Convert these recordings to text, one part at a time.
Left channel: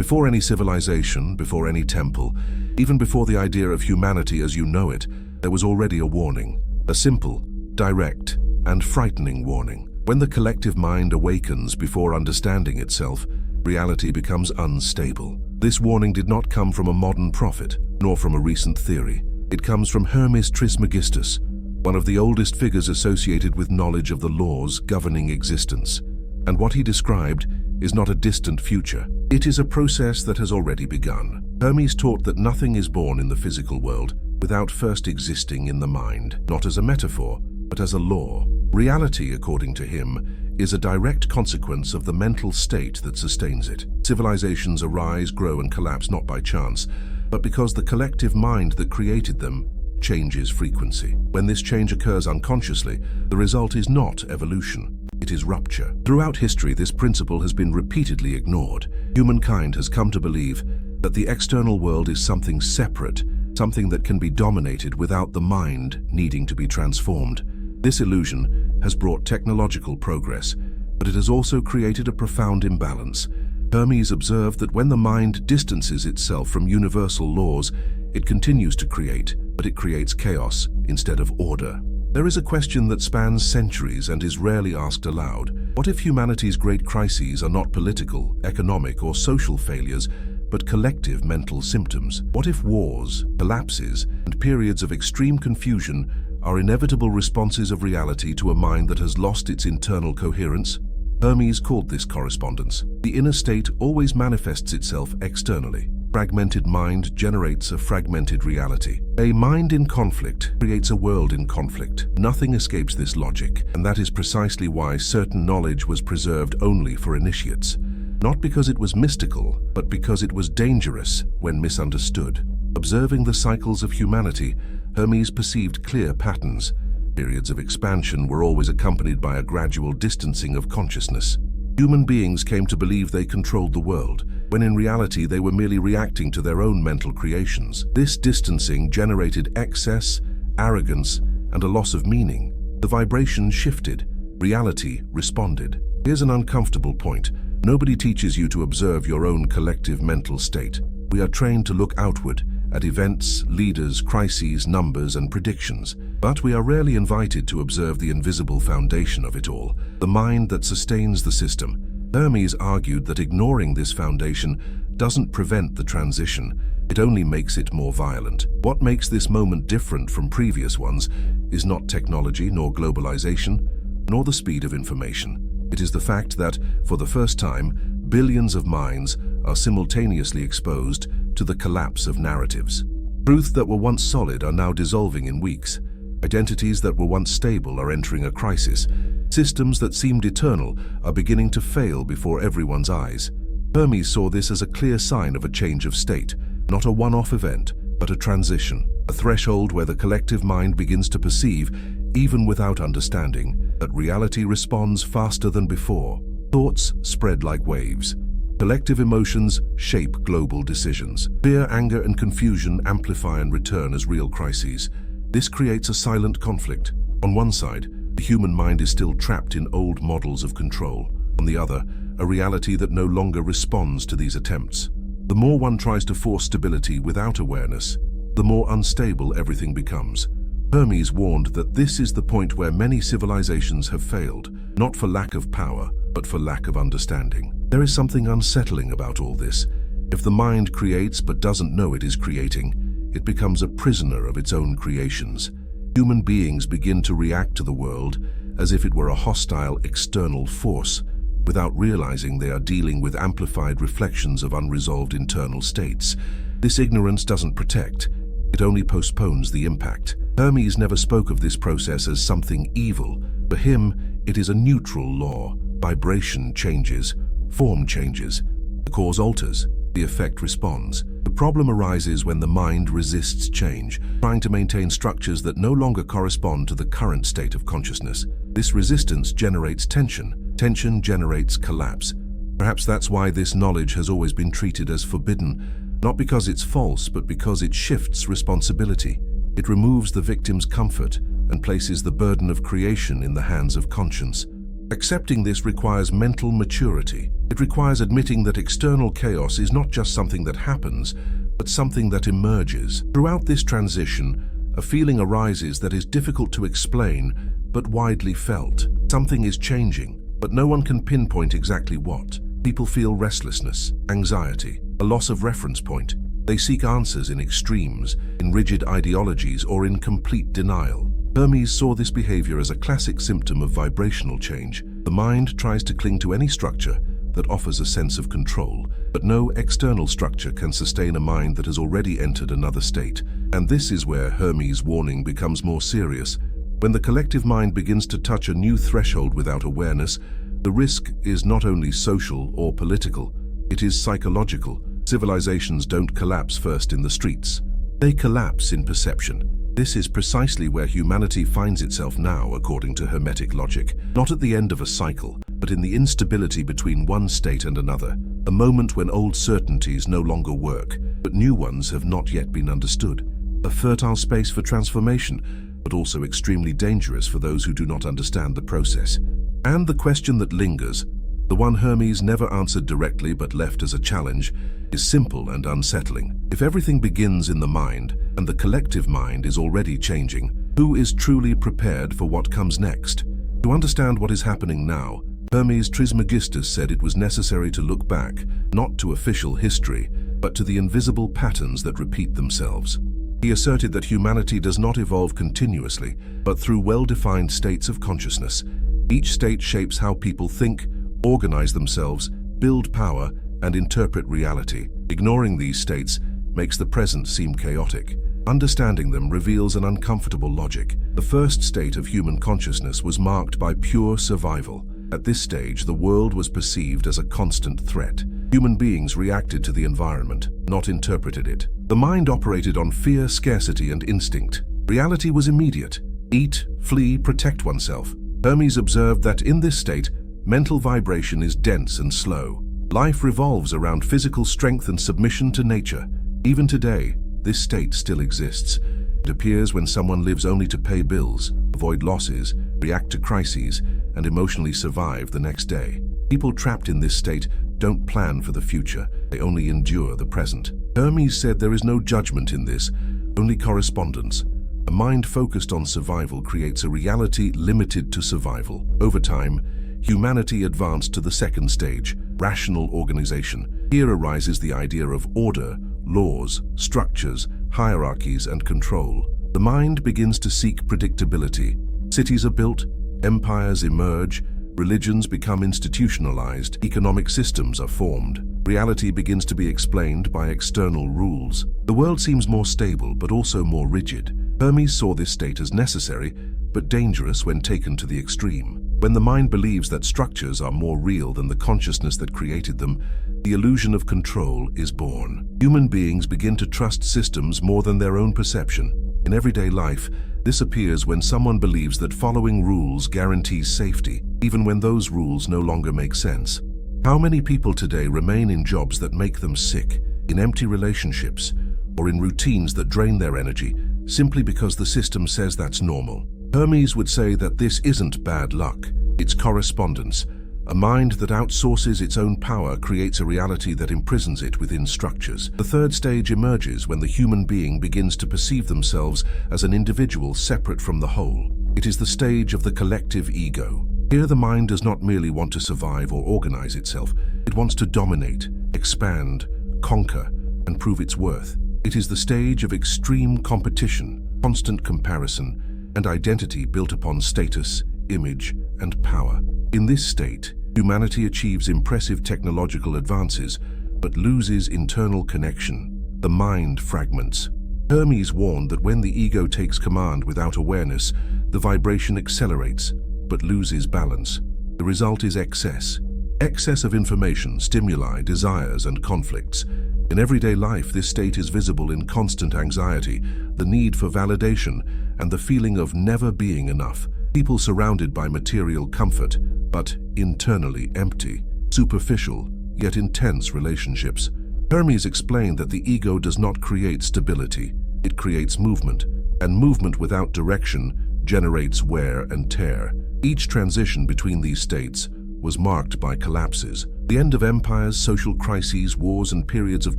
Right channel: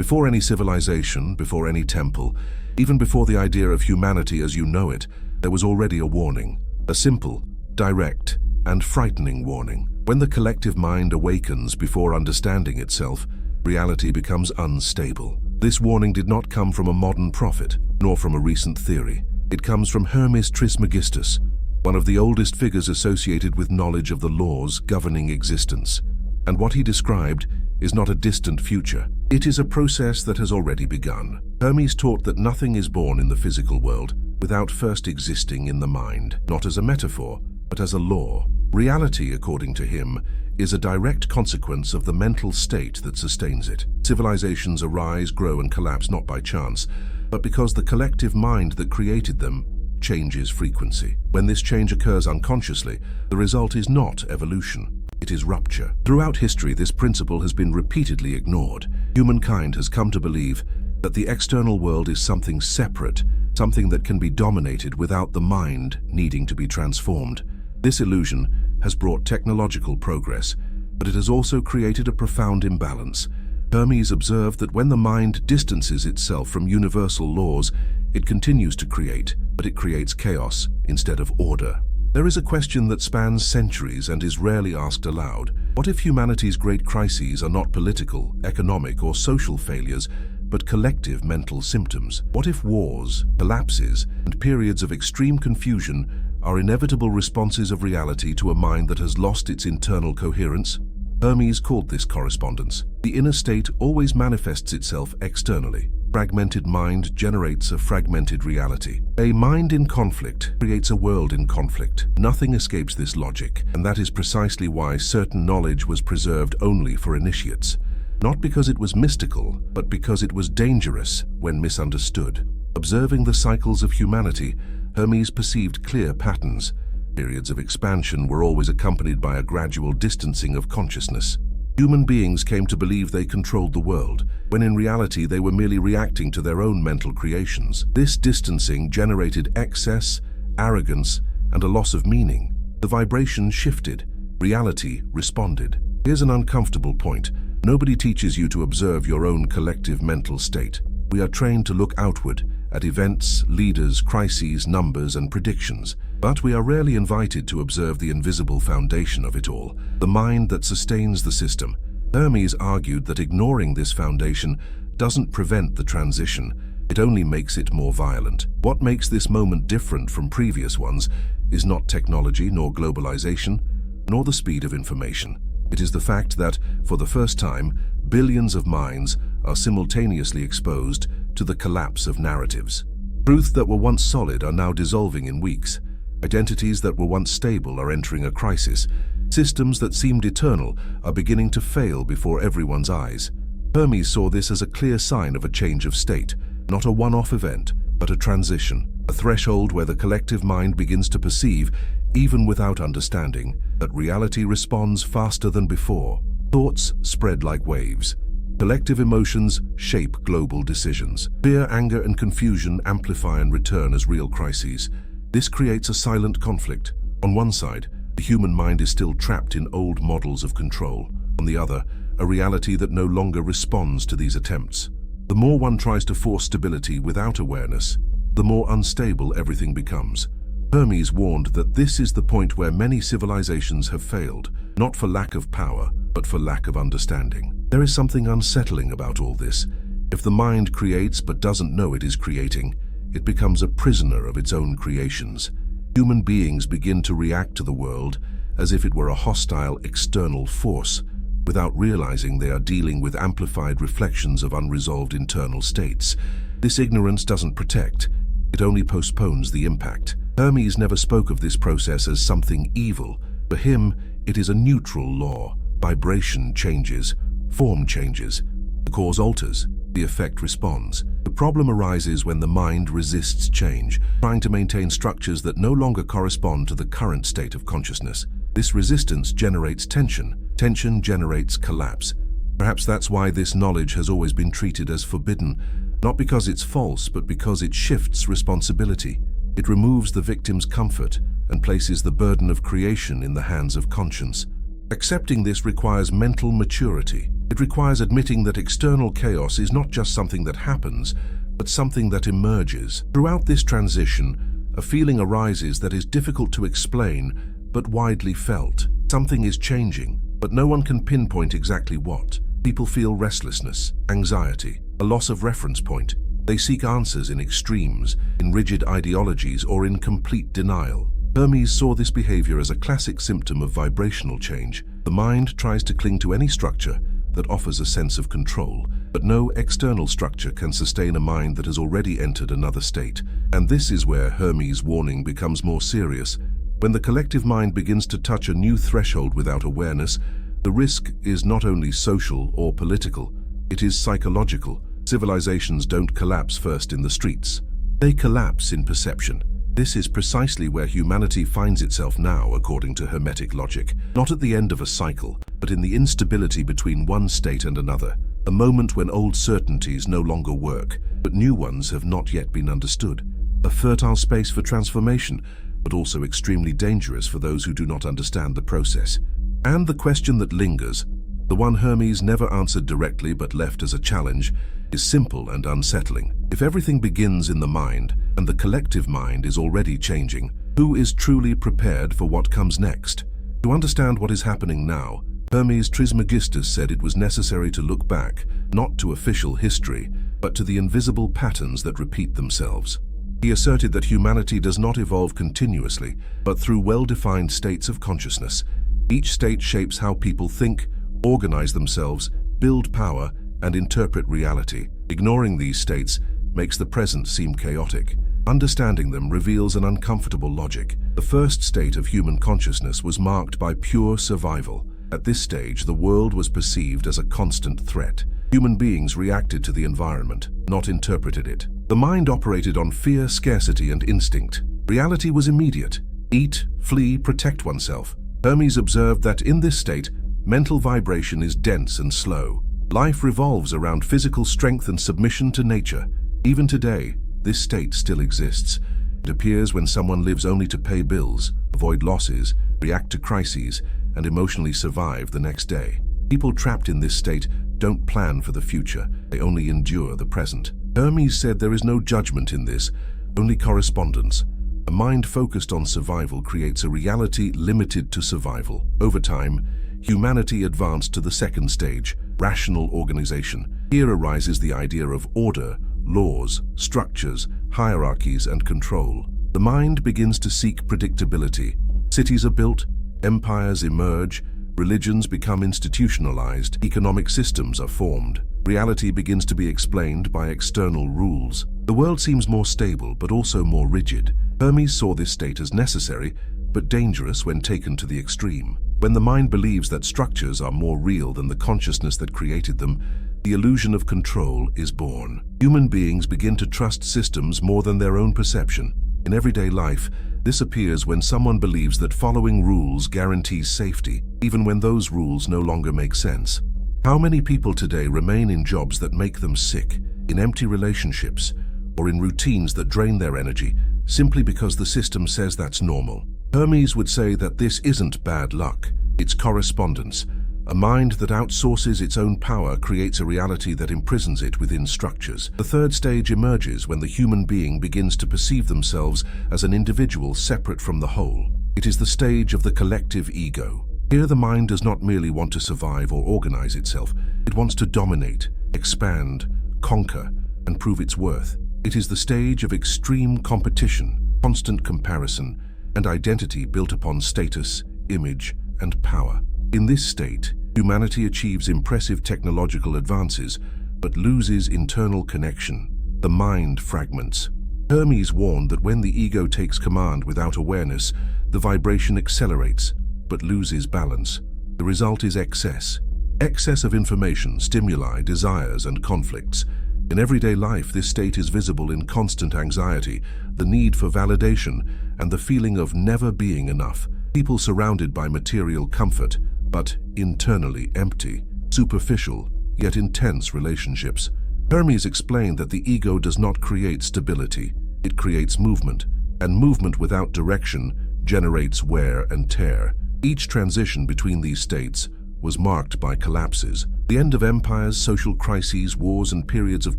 Before any civilization, before any temple, even before the idea of humanity as you know it, there was already a warning. A simple, direct, and frightening warning. When the collective mind awakens before understanding itself, reality becomes unstable. This warning did not come from a modern prophet, nor from a recent theory. It comes from Hermes Trismegistus, one of the oldest figures associated with knowledge of the laws governing existence. And what he described is not a distant future. It is a process that has already begun. Hermes taught that nothing is born in the physical world without first existing in the mind, not as a metaphor, but as a law. Reality, according to him, is a direct consequence of the mental state that sustains it. Civilizations arise, grow, and collapse not by chance, but because the collective mind that created them changes frequency. When this change occurs unconsciously, the result is not evolution. It is rupture. Throughout history, this principle has been repeatedly ignored. Humankind has come to believe that the external world is something separate, something that can be dominated without the mind needing to be transformed. This illusion has brought technological progress, but it has also created a profound imbalance. Hermes observed that when the mind distances itself from universal laws, it continues to create, but it creates chaos instead of order. There is a question that spans centuries and is rarely asked aloud. What if humanity's great crises are not political, economic, or social failures, but collective mental symptoms? What if wars, collapses, and periods of extreme confusion are inevitable responses of reality to a mind that has lost its internal coherence? Hermes called this correspondence. The inner state always manifests itself externally. Fragmented mind generates a fragmented reality. A mind in conflict creates a world in conflict. Nothing escapes this logic, and that is precisely why certain knowledge was preserved only for initiates. Not because it was mystical, but because it was dangerous when misunderstood. Observing the cycles of humanity, Hermes perceived clear patterns. Periods of expansion were always accompanied by a gradual distancing of consciousness. Human beings came to believe they controlled the world, when in reality they were merely reacting to their own mental creations. This distancing generated excess, arrogance, and a loss of meaning. The vibration shifted. Reality responded. Here's an uncomfortable point. Nobody teaches you to observe your own collective mental state. We are trained to look outward, at events, leaders, crises, numbers, and predictions. But we are rarely invited to observe the invisible foundation of it all, the mind that sustains the system. Hermes argued that ignoring this foundation doesn't prevent the transition, it only makes it more violent. What makes this moment different from previous ones is not technology nor globalization, nor the speed of information. It is the fact that, for the first time, billions of minds are simultaneously exposed to the collapse of narratives. Truths that were once solid are now dissolving in weeks. Identities that were once stable are entering a crisis. Systems that seemed eternal are beginning to fail before everyone's eyes. Hermes saw this as a clear sign of a change of state, not a one-off event, but a transition, a threshold where the collective mind begins to perceive, even without understanding, that reality responds faster than before. Thoughts spread like waves. Collective emotions shape global decisions. Fear, anger, and confusion amplify and return as real crises. This creates a silent conflict. On one side, the human mind is still trapped in old models of control. On the other, a reality that no longer responds to these attempts. The more one tries to force stability without awareness, the more unstable everything becomes. Hermes warned that this is the point where many civilizations have failed, not for lack of power, but for lack of understanding. There is something unsettling about all this. If the mind creates but doesn't know it is creating, it becomes a prisoner of its own creations. Human beings begin to react to the world as if it were a hostile external force, without realizing they are dealing with amplified reflections of unresolved internal states. This ignorance doesn't protect, it only postpones the impact. Hermes never spoke of this process as something evil. For him, it is a neutral law. Vibration changes, form changes, the cause alters, the effect responds. The problem arises when the mind resists change, trying to maintain structures that no longer correspond to the current state of consciousness. This resistance generates tension. Tension generates collapse. Perhaps that's why this knowledge has always been treated as forbidden, not because it's false, but because it shifts responsibility. It removes the victim's comfort and places the burden of creation in the hands of conscience. Accepting this requires mental maturity. It requires admitting that external chaos is not just something that happens, but something that emerges. Throughout this transition, a feeling arises that is difficult to explain, but widely felt. Something is changing, but no one can pinpoint exactly what. People feel restlessness, anxiety, a loss of reference point. They seek answers in extremes, in rigid ideologies, or in complete denial. Hermes saw this behavior as a classic symptom of vibrational change. The mind tries to cling to any structure that offers a sense of control, but no external structure can sustain a mind that has already entered another state. And this is where Hermes' warning becomes more serious. When the collective mind begins to touch a new threshold without awareness, the risk is not only social or political, it is psychological. Civilizations don't collapse first in the streets. They collapse in perception. This is precisely where humanity finds itself now, according to Hermetic logic. Not at the end of a cycle, but in the instability between one state and another. A moment when old certainties no longer work, but new ones have not yet been understood. A fertile space for transformation, but also extremely dangerous for those who do not understand the process. And the question that lingers, the one Hermes never answered directly but left as a challenge, is simple and unsettling. If everything begins in the mind, and the collective mind is already changing, who is truly prepared for what comes next? To understand what is happening now, Hermes Trismegistus said it was necessary to look back, not to official history, but to the invisible patterns that repeat themselves. He asserted that humanity does not evolve continuously, but through well-defined states of consciousness. Each state shapes how people think, organize themselves, build power, and interpret reality. Ignoring these states makes the present seem chaotic. Understanding them reveals an uncomfortable logic. The first state of human consciousness was marked by pure survival. At this stage, the world was perceived as a constant threat. Human beings reacted to the environment, not interpreted it. The mind operated on fear, scarcity, and instinct. Reality was immediate. Eat, flee, protect oneself. Hermes observed that in this state, mental vibration is dense and slow. Life revolves around physical strength and submission to nature. Even today, this state still exists. It appears when someone lives only to pay bills, avoid losses, react to crises, and emotionally survive the next day. People trapped in this state don't plan for the future, they only endure the present. Hermes said there is no judgment in this, only correspondence. A mind focused on survival creates a reality limited to survival. Over time, humanity advanced to the second stage, rational organization. Here arises the idea of order, laws, structures, hierarchies, and control. The mind begins to seek predictability. Cities are built, empires emerge, religions become institutionalized, economic systems are formed. Reality begins to be explained by external rules. The world seems more stable, but also more rigid. Hermes saw this state as necessary, but dangerous when taken to the extreme. When the mind believes that structures are more real than the consciousness that created them, the illusion of control is born. Human beings begin to trust systems more than their own perception. In everyday life, this appears when someone believes that following rules guarantees safety, even when those rules no longer make sense. How many people today remain in jobs that make them sick, in empty relationships, or in routines that drain their energy, simply because the system says that's normal? Hermes would say that this isn't bad luck, it's correspondence. A mind that outsources its own power creates a reality that imprisons it within structures. The third stage emerges when the human being begins to perceive themselves as an individual separate from the whole. It is the stage of the collective ego. Here the mind does not merely want to survive or organize itself. It wants to dominate, expand, conquer, and prove its worth. It is the stage of extreme competition, constant comparison, and identity built upon status, image, and power. In this state, humanity achieves impressive technological advances, but loses internal connection. The mind fragments. Hermes warned that when the ego takes command without awareness, the vibration accelerates, but loses balance. The result is excess. Excess of information, stimuli, desires, and conflicts. In everyday life, this state is visible in constant anxiety, the need for validation, and the feeling of never being enough. People surrounded by material comfort, but internally empty, superficial, yet intense relationships. Hermes explained that the ego does not create stability, it creates movement, and movement without direction generates wear and tear. Each transition between these states was marked by collapses. The end of empires, social crises, wars, and periods of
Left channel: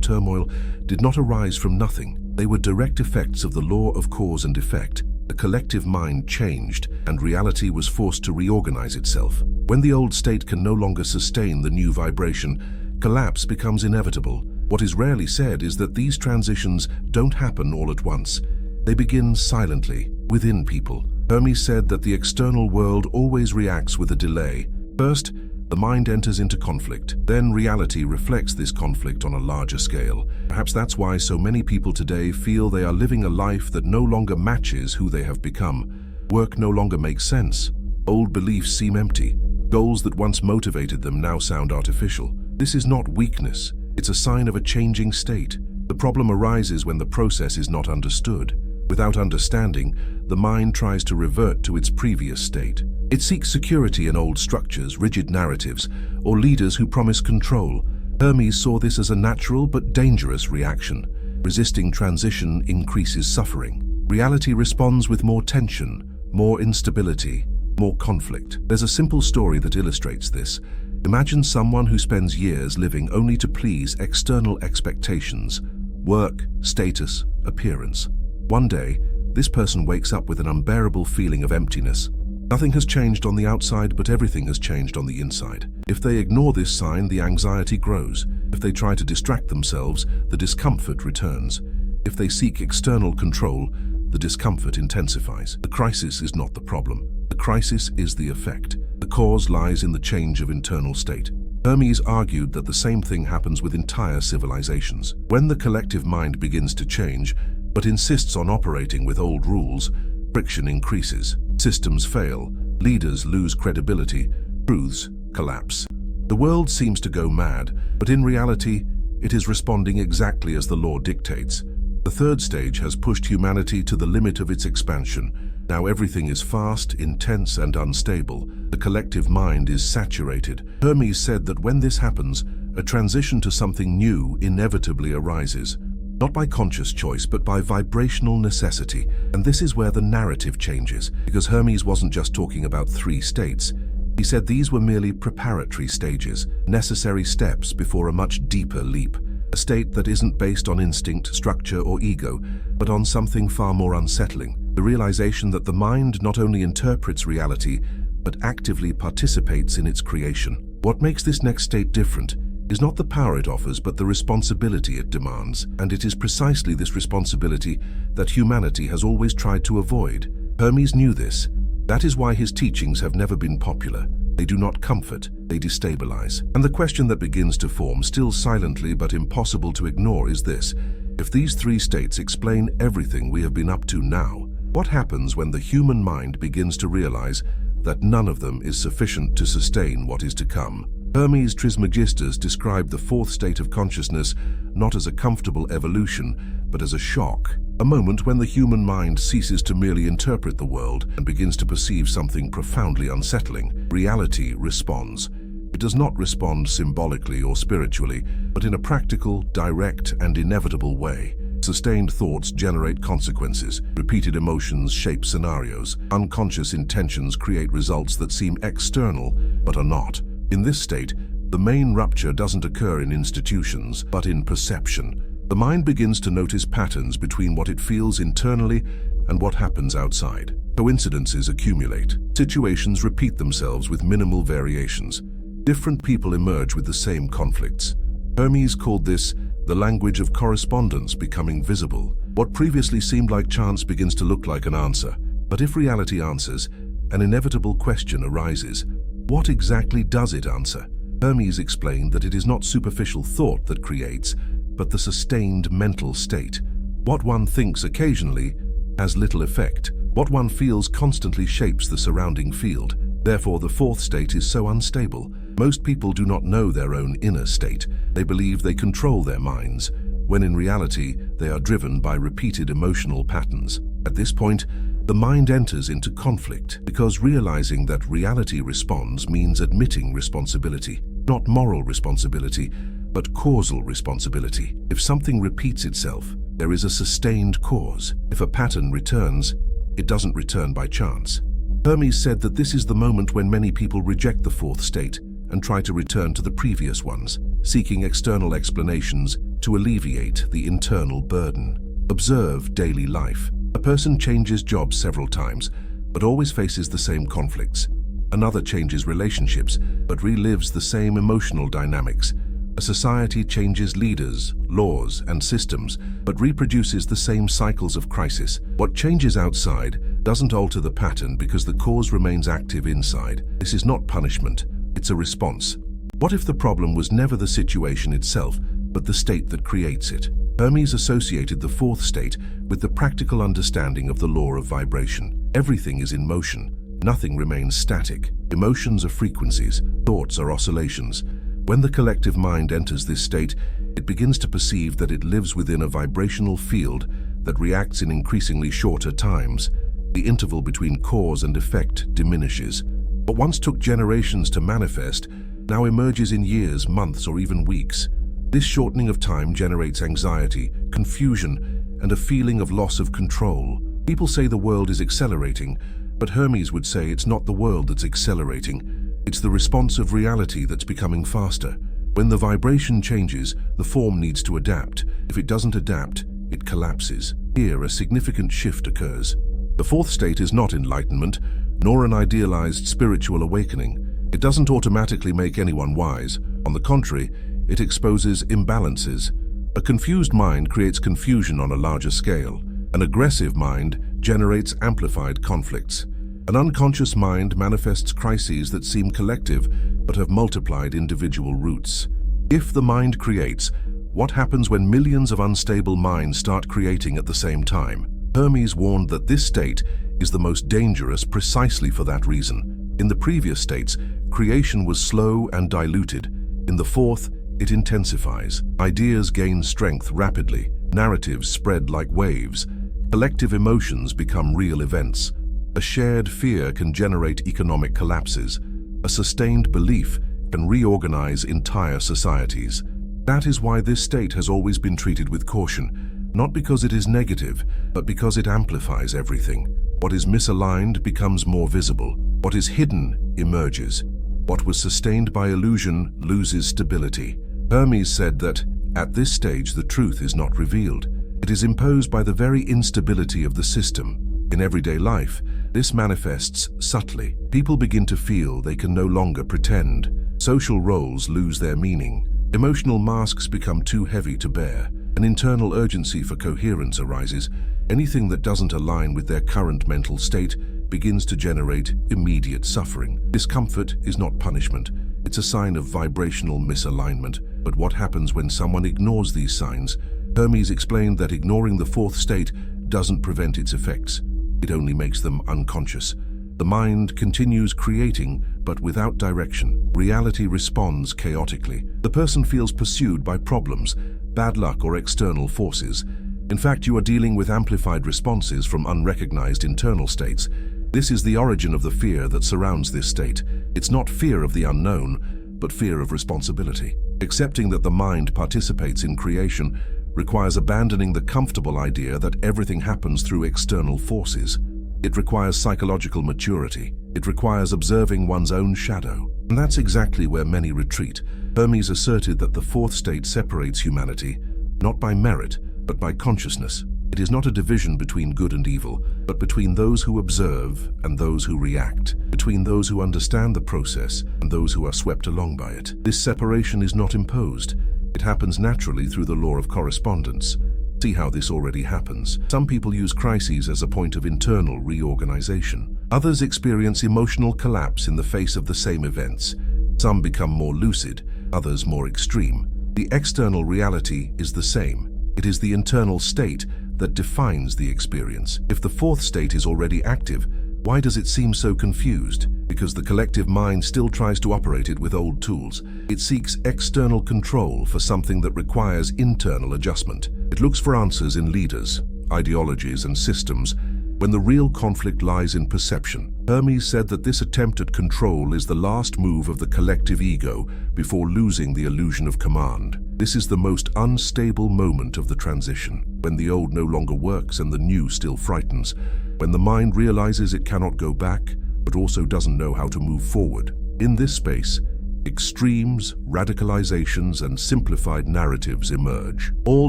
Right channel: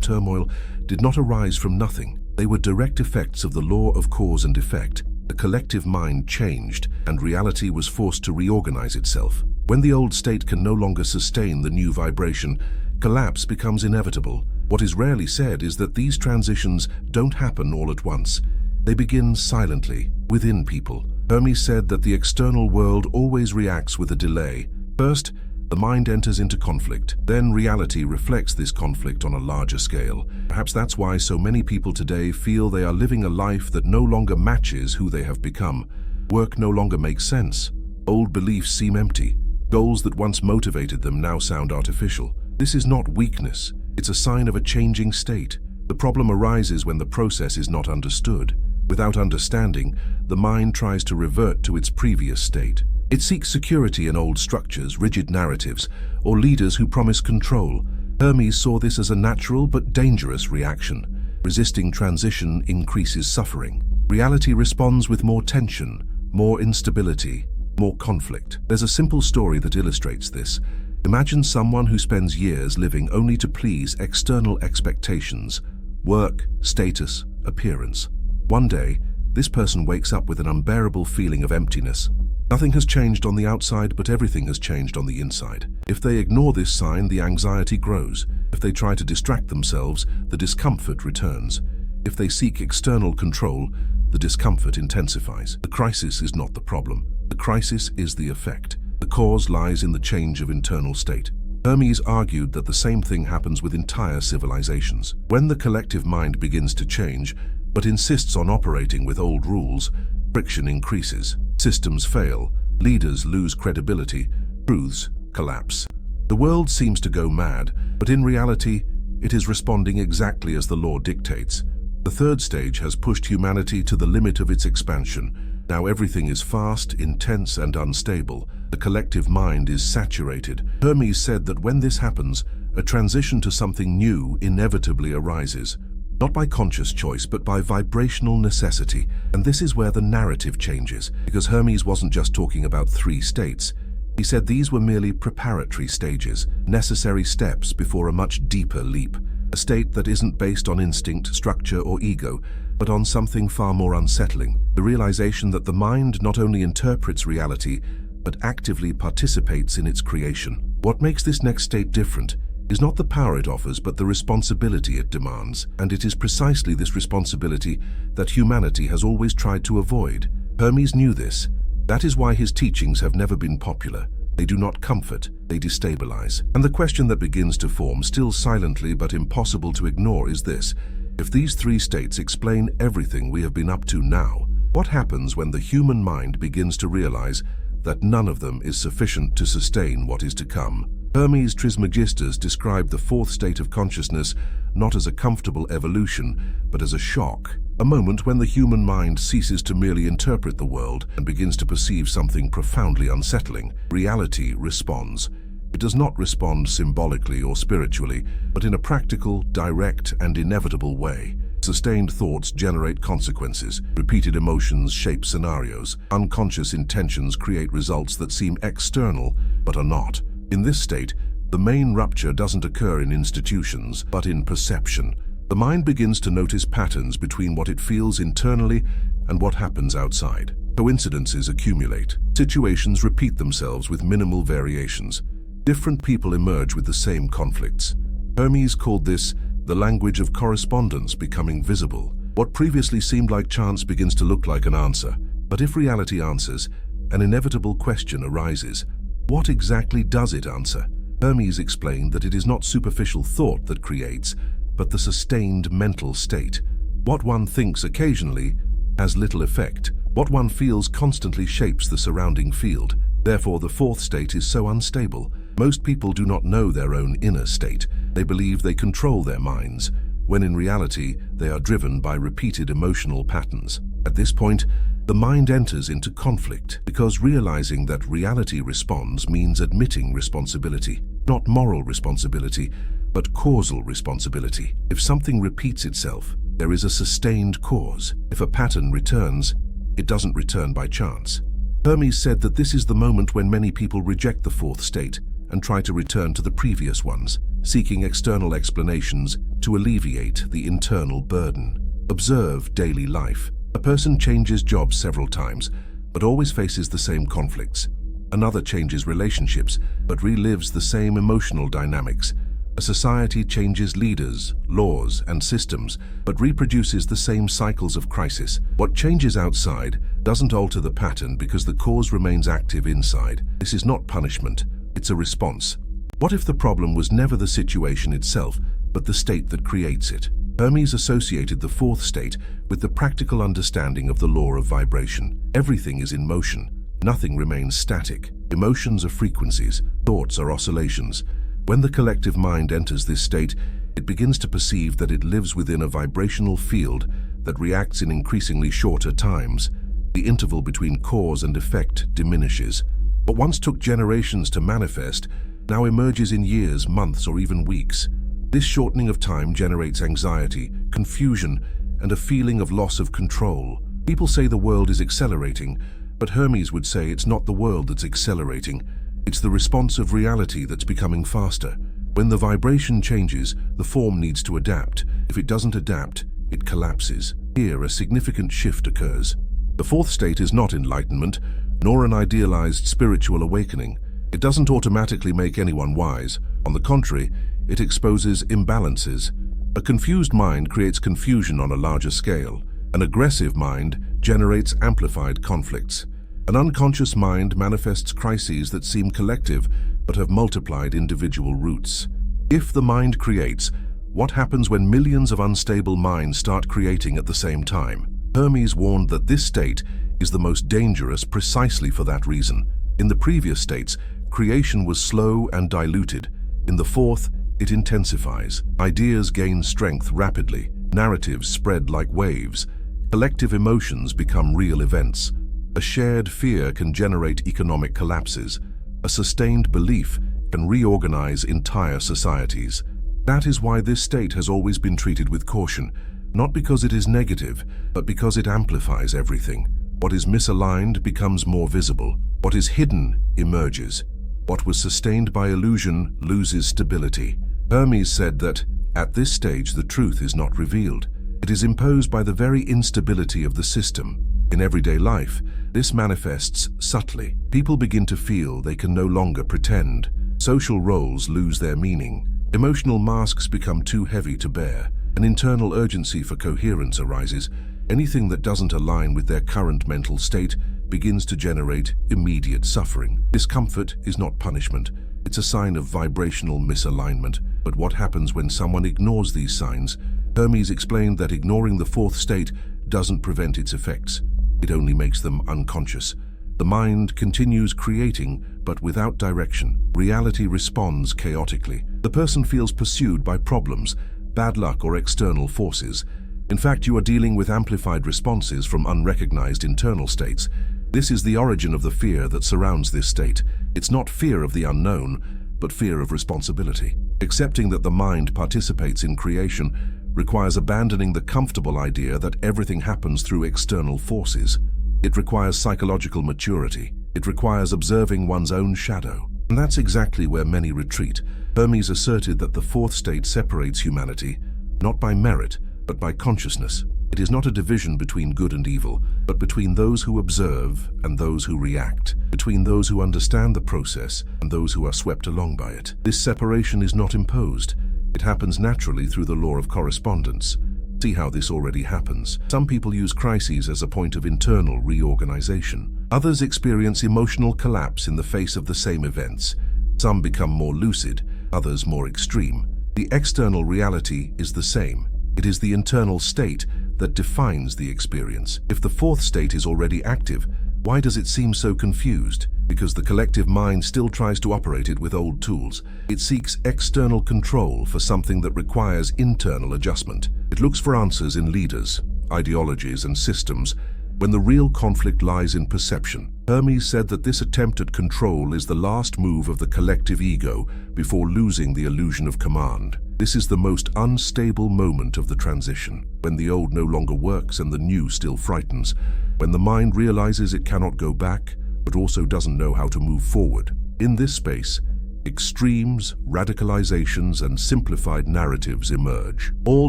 turmoil did not arise from nothing. They were direct effects of the law of cause and effect. The collective mind changed, and reality was forced to reorganize itself. When the old state can no longer sustain the new vibration, collapse becomes inevitable. What is rarely said is that these transitions don't happen all at once. They begin silently, within people. Hermes said that the external world always reacts with a delay. First, the mind enters into conflict. Then reality reflects this conflict on a larger scale. Perhaps that's why so many people today feel they are living a life that no longer matches who they have become. Work no longer makes sense. Old beliefs seem empty. Goals that once motivated them now sound artificial. This is not weakness. It's a sign of a changing state. The problem arises when the process is not understood. Without understanding, the mind tries to revert to its previous state. It seeks security in old structures, rigid narratives, or leaders who promise control. Hermes saw this as a natural but dangerous reaction. Resisting transition increases suffering. Reality responds with more tension, more instability, more conflict. There's a simple story that illustrates this. Imagine someone who spends years living only to please external expectations: work, status, appearance. One day, this person wakes up with an unbearable feeling of emptiness. Nothing has changed on the outside, but everything has changed on the inside. If they ignore this sign, the anxiety grows. If they try to distract themselves, the discomfort returns. If they seek external control, the discomfort intensifies. The crisis is not the problem. The crisis is the effect. The cause lies in the change of internal state. Hermes argued that the same thing happens with entire civilizations. When the collective mind begins to change, but insists on operating with old rules, friction increases. Systems fail, leaders lose credibility, truths collapse. The world seems to go mad, but in reality, it is responding exactly as the law dictates. The third stage has pushed humanity to the limit of its expansion. Now everything is fast, intense, and unstable. The collective mind is saturated. Hermes said that when this happens, a transition to something new inevitably arises. Not by conscious choice, but by vibrational necessity. And this is where the narrative changes, because Hermes wasn't just talking about 3 states. He said these were merely preparatory stages, necessary steps before a much deeper leap. A state that isn't based on instinct, structure, or ego, but on something far more unsettling. The realization that the mind not only interprets reality, but actively participates in its creation. What makes this next state different is not the power it offers, but the responsibility it demands. And it is precisely this responsibility that humanity has always tried to avoid. Hermes knew this. That is why his teachings have never been popular. They do not comfort, they destabilize. And the question that begins to form, still silently but impossible to ignore, is this: if these 3 states explain everything we have been up to now, what happens when the human mind begins to realize that none of them is sufficient to sustain what is to come? Hermes Trismegistus described the 4th state of consciousness not as a comfortable evolution, but as a shock. A moment when the human mind ceases to merely interpret the world and begins to perceive something profoundly unsettling. Reality responds. It does not respond symbolically or spiritually, but in a practical, direct, and inevitable way. Sustained thoughts generate consequences. Repeated emotions shape scenarios. Unconscious intentions create results that seem external, but are not. In this state, the main rupture doesn't occur in institutions, but in perception. The mind begins to notice patterns between what it feels internally and what happens outside. Coincidences accumulate. Situations repeat themselves with minimal variations. Different people emerge with the same conflicts. Hermes called this the language of correspondence becoming visible. What previously seemed like chance begins to look like an answer. But if reality answers, an inevitable question arises. What exactly does it answer? Hermes explained that it is not superficial thought that creates, but the sustained mental state. What one thinks occasionally has little effect. What one feels constantly shapes the surrounding field. Therefore, the 4th state is so unstable. Most people do not know their own inner state. They believe they control their minds, when in reality, they are driven by repeated emotional patterns. At this point, the mind enters into conflict, because realizing that reality responds means admitting responsibility. Not moral responsibility, but causal responsibility. If something repeats itself, there is a sustained cause. If a pattern returns, it doesn't return by chance. Hermes said that this is the moment when many people reject the fourth state and try to return to the previous ones, seeking external explanations to alleviate the internal burden. Observe daily life. A person changes jobs several times, but always faces the same conflicts. Another changes relationships, but relives the same emotional dynamics. A society changes leaders, laws, and systems, but reproduces the same cycles of crisis. What changes outside doesn't alter the pattern because the cause remains active inside. This is not punishment, it's a response. What if the problem was never the situation itself, but the state that creates it? Hermes associated the fourth state with the practical understanding of the law of vibration. Everything is in motion. Nothing remains static. Emotions are frequencies. Thoughts are oscillations. When the collective mind enters this state, it begins to perceive that it lives within a vibrational field that reacts in increasingly shorter times. The interval between cause and effect diminishes. What once took generations to manifest now emerges in years, months, or even weeks. This shortening of time generates anxiety, confusion, and a feeling of loss of control. People say the world is accelerating, but Hermes would say it's not the world that's accelerating. It's the response of reality that's becoming faster. When the vibration changes, the form needs to adapt. If it doesn't adapt, it collapses. Here, a significant shift occurs. The fourth state is not enlightenment, nor an idealized spiritual awakening. It doesn't automatically make anyone wise. On the contrary, it exposes imbalances. A confused mind creates confusion on a larger scale. An aggressive mind generates amplified conflicts. An unconscious mind manifests crises that seem collective but have multiplied individual roots. If the mind creates, what happens when millions of unstable minds start creating at the same time? Hermes warned that this state is the most dangerous precisely for that reason. In the previous states, creation was slow and diluted. In the fourth, it intensifies. Ideas gain strength rapidly. Narratives spread like waves. Collective emotions become real events. A shared fear can generate economic collapses. A sustained belief can reorganize entire societies. That is why this state has always been treated with caution, not because it is negative, but because it amplifies everything. What is misaligned becomes more visible. What is hidden emerges. What was sustained by illusion loses stability. Hermes said that, at this stage, the truth is not revealed. It is imposed by the very instability of the system. In everyday life, this manifests subtly. People begin to feel they can no longer pretend. Social roles lose their meaning. Emotional masks become too heavy to bear. An internal urgency for coherence arises. Anything that doesn't align with their current mental state begins to generate immediate suffering. Discomfort is not punishment. It's a sign of vibrational misalignment. But what happens when someone ignores these signs? Hermes explained that ignoring the fourth state doesn't prevent its effects. It only makes them unconscious. The mind continues creating, but without direction. Reality responds chaotically. The person feels pursued by problems, bad luck, or external forces. In fact, you are dealing with amplified responses from unrecognized internal states. This is the origin of the fear that surrounds this state. It's not fear of the unknown, but fear of responsibility. Accepting that the mind participates in creation requires abandoning the comfortable idea that everything happens through external forces. It requires psychological maturity. It requires observing one's own shadow. And that's exactly where many retreat. Hermes asserted that the fourth state separates humanity, not by merit, but by consciousness. It is not a division between good and evil, but between those who observe and those who react, between those who understand the process and those who are swept along by it. This separation is not imposed. It happens naturally through the law of correspondence. See how this already happens. Some people use crises as a point of internal reorganization. Others experience emotional collapse in the face of the same events. Some become more lucid, others more extreme. The external reality is the same. It is the internal state that defines the experience. If the fourth state is already active, why does it seem so confused? Because the collective mind still tries to operate it with old tools. It seeks external control for something that requires internal adjustment. It looks for answers in leaders, ideologies, and systems, when the real conflict lies in perception. Hermes said that this attempt at control is the last move of the collective ego before losing the illusion of command. This is the most unstable moment of the transition, when the old no longer works and the new still frightens. When the mind realizes it cannot go back, but also doesn't know how to move forward. In this space, extremes, radicalizations, and simplified narratives emerge, all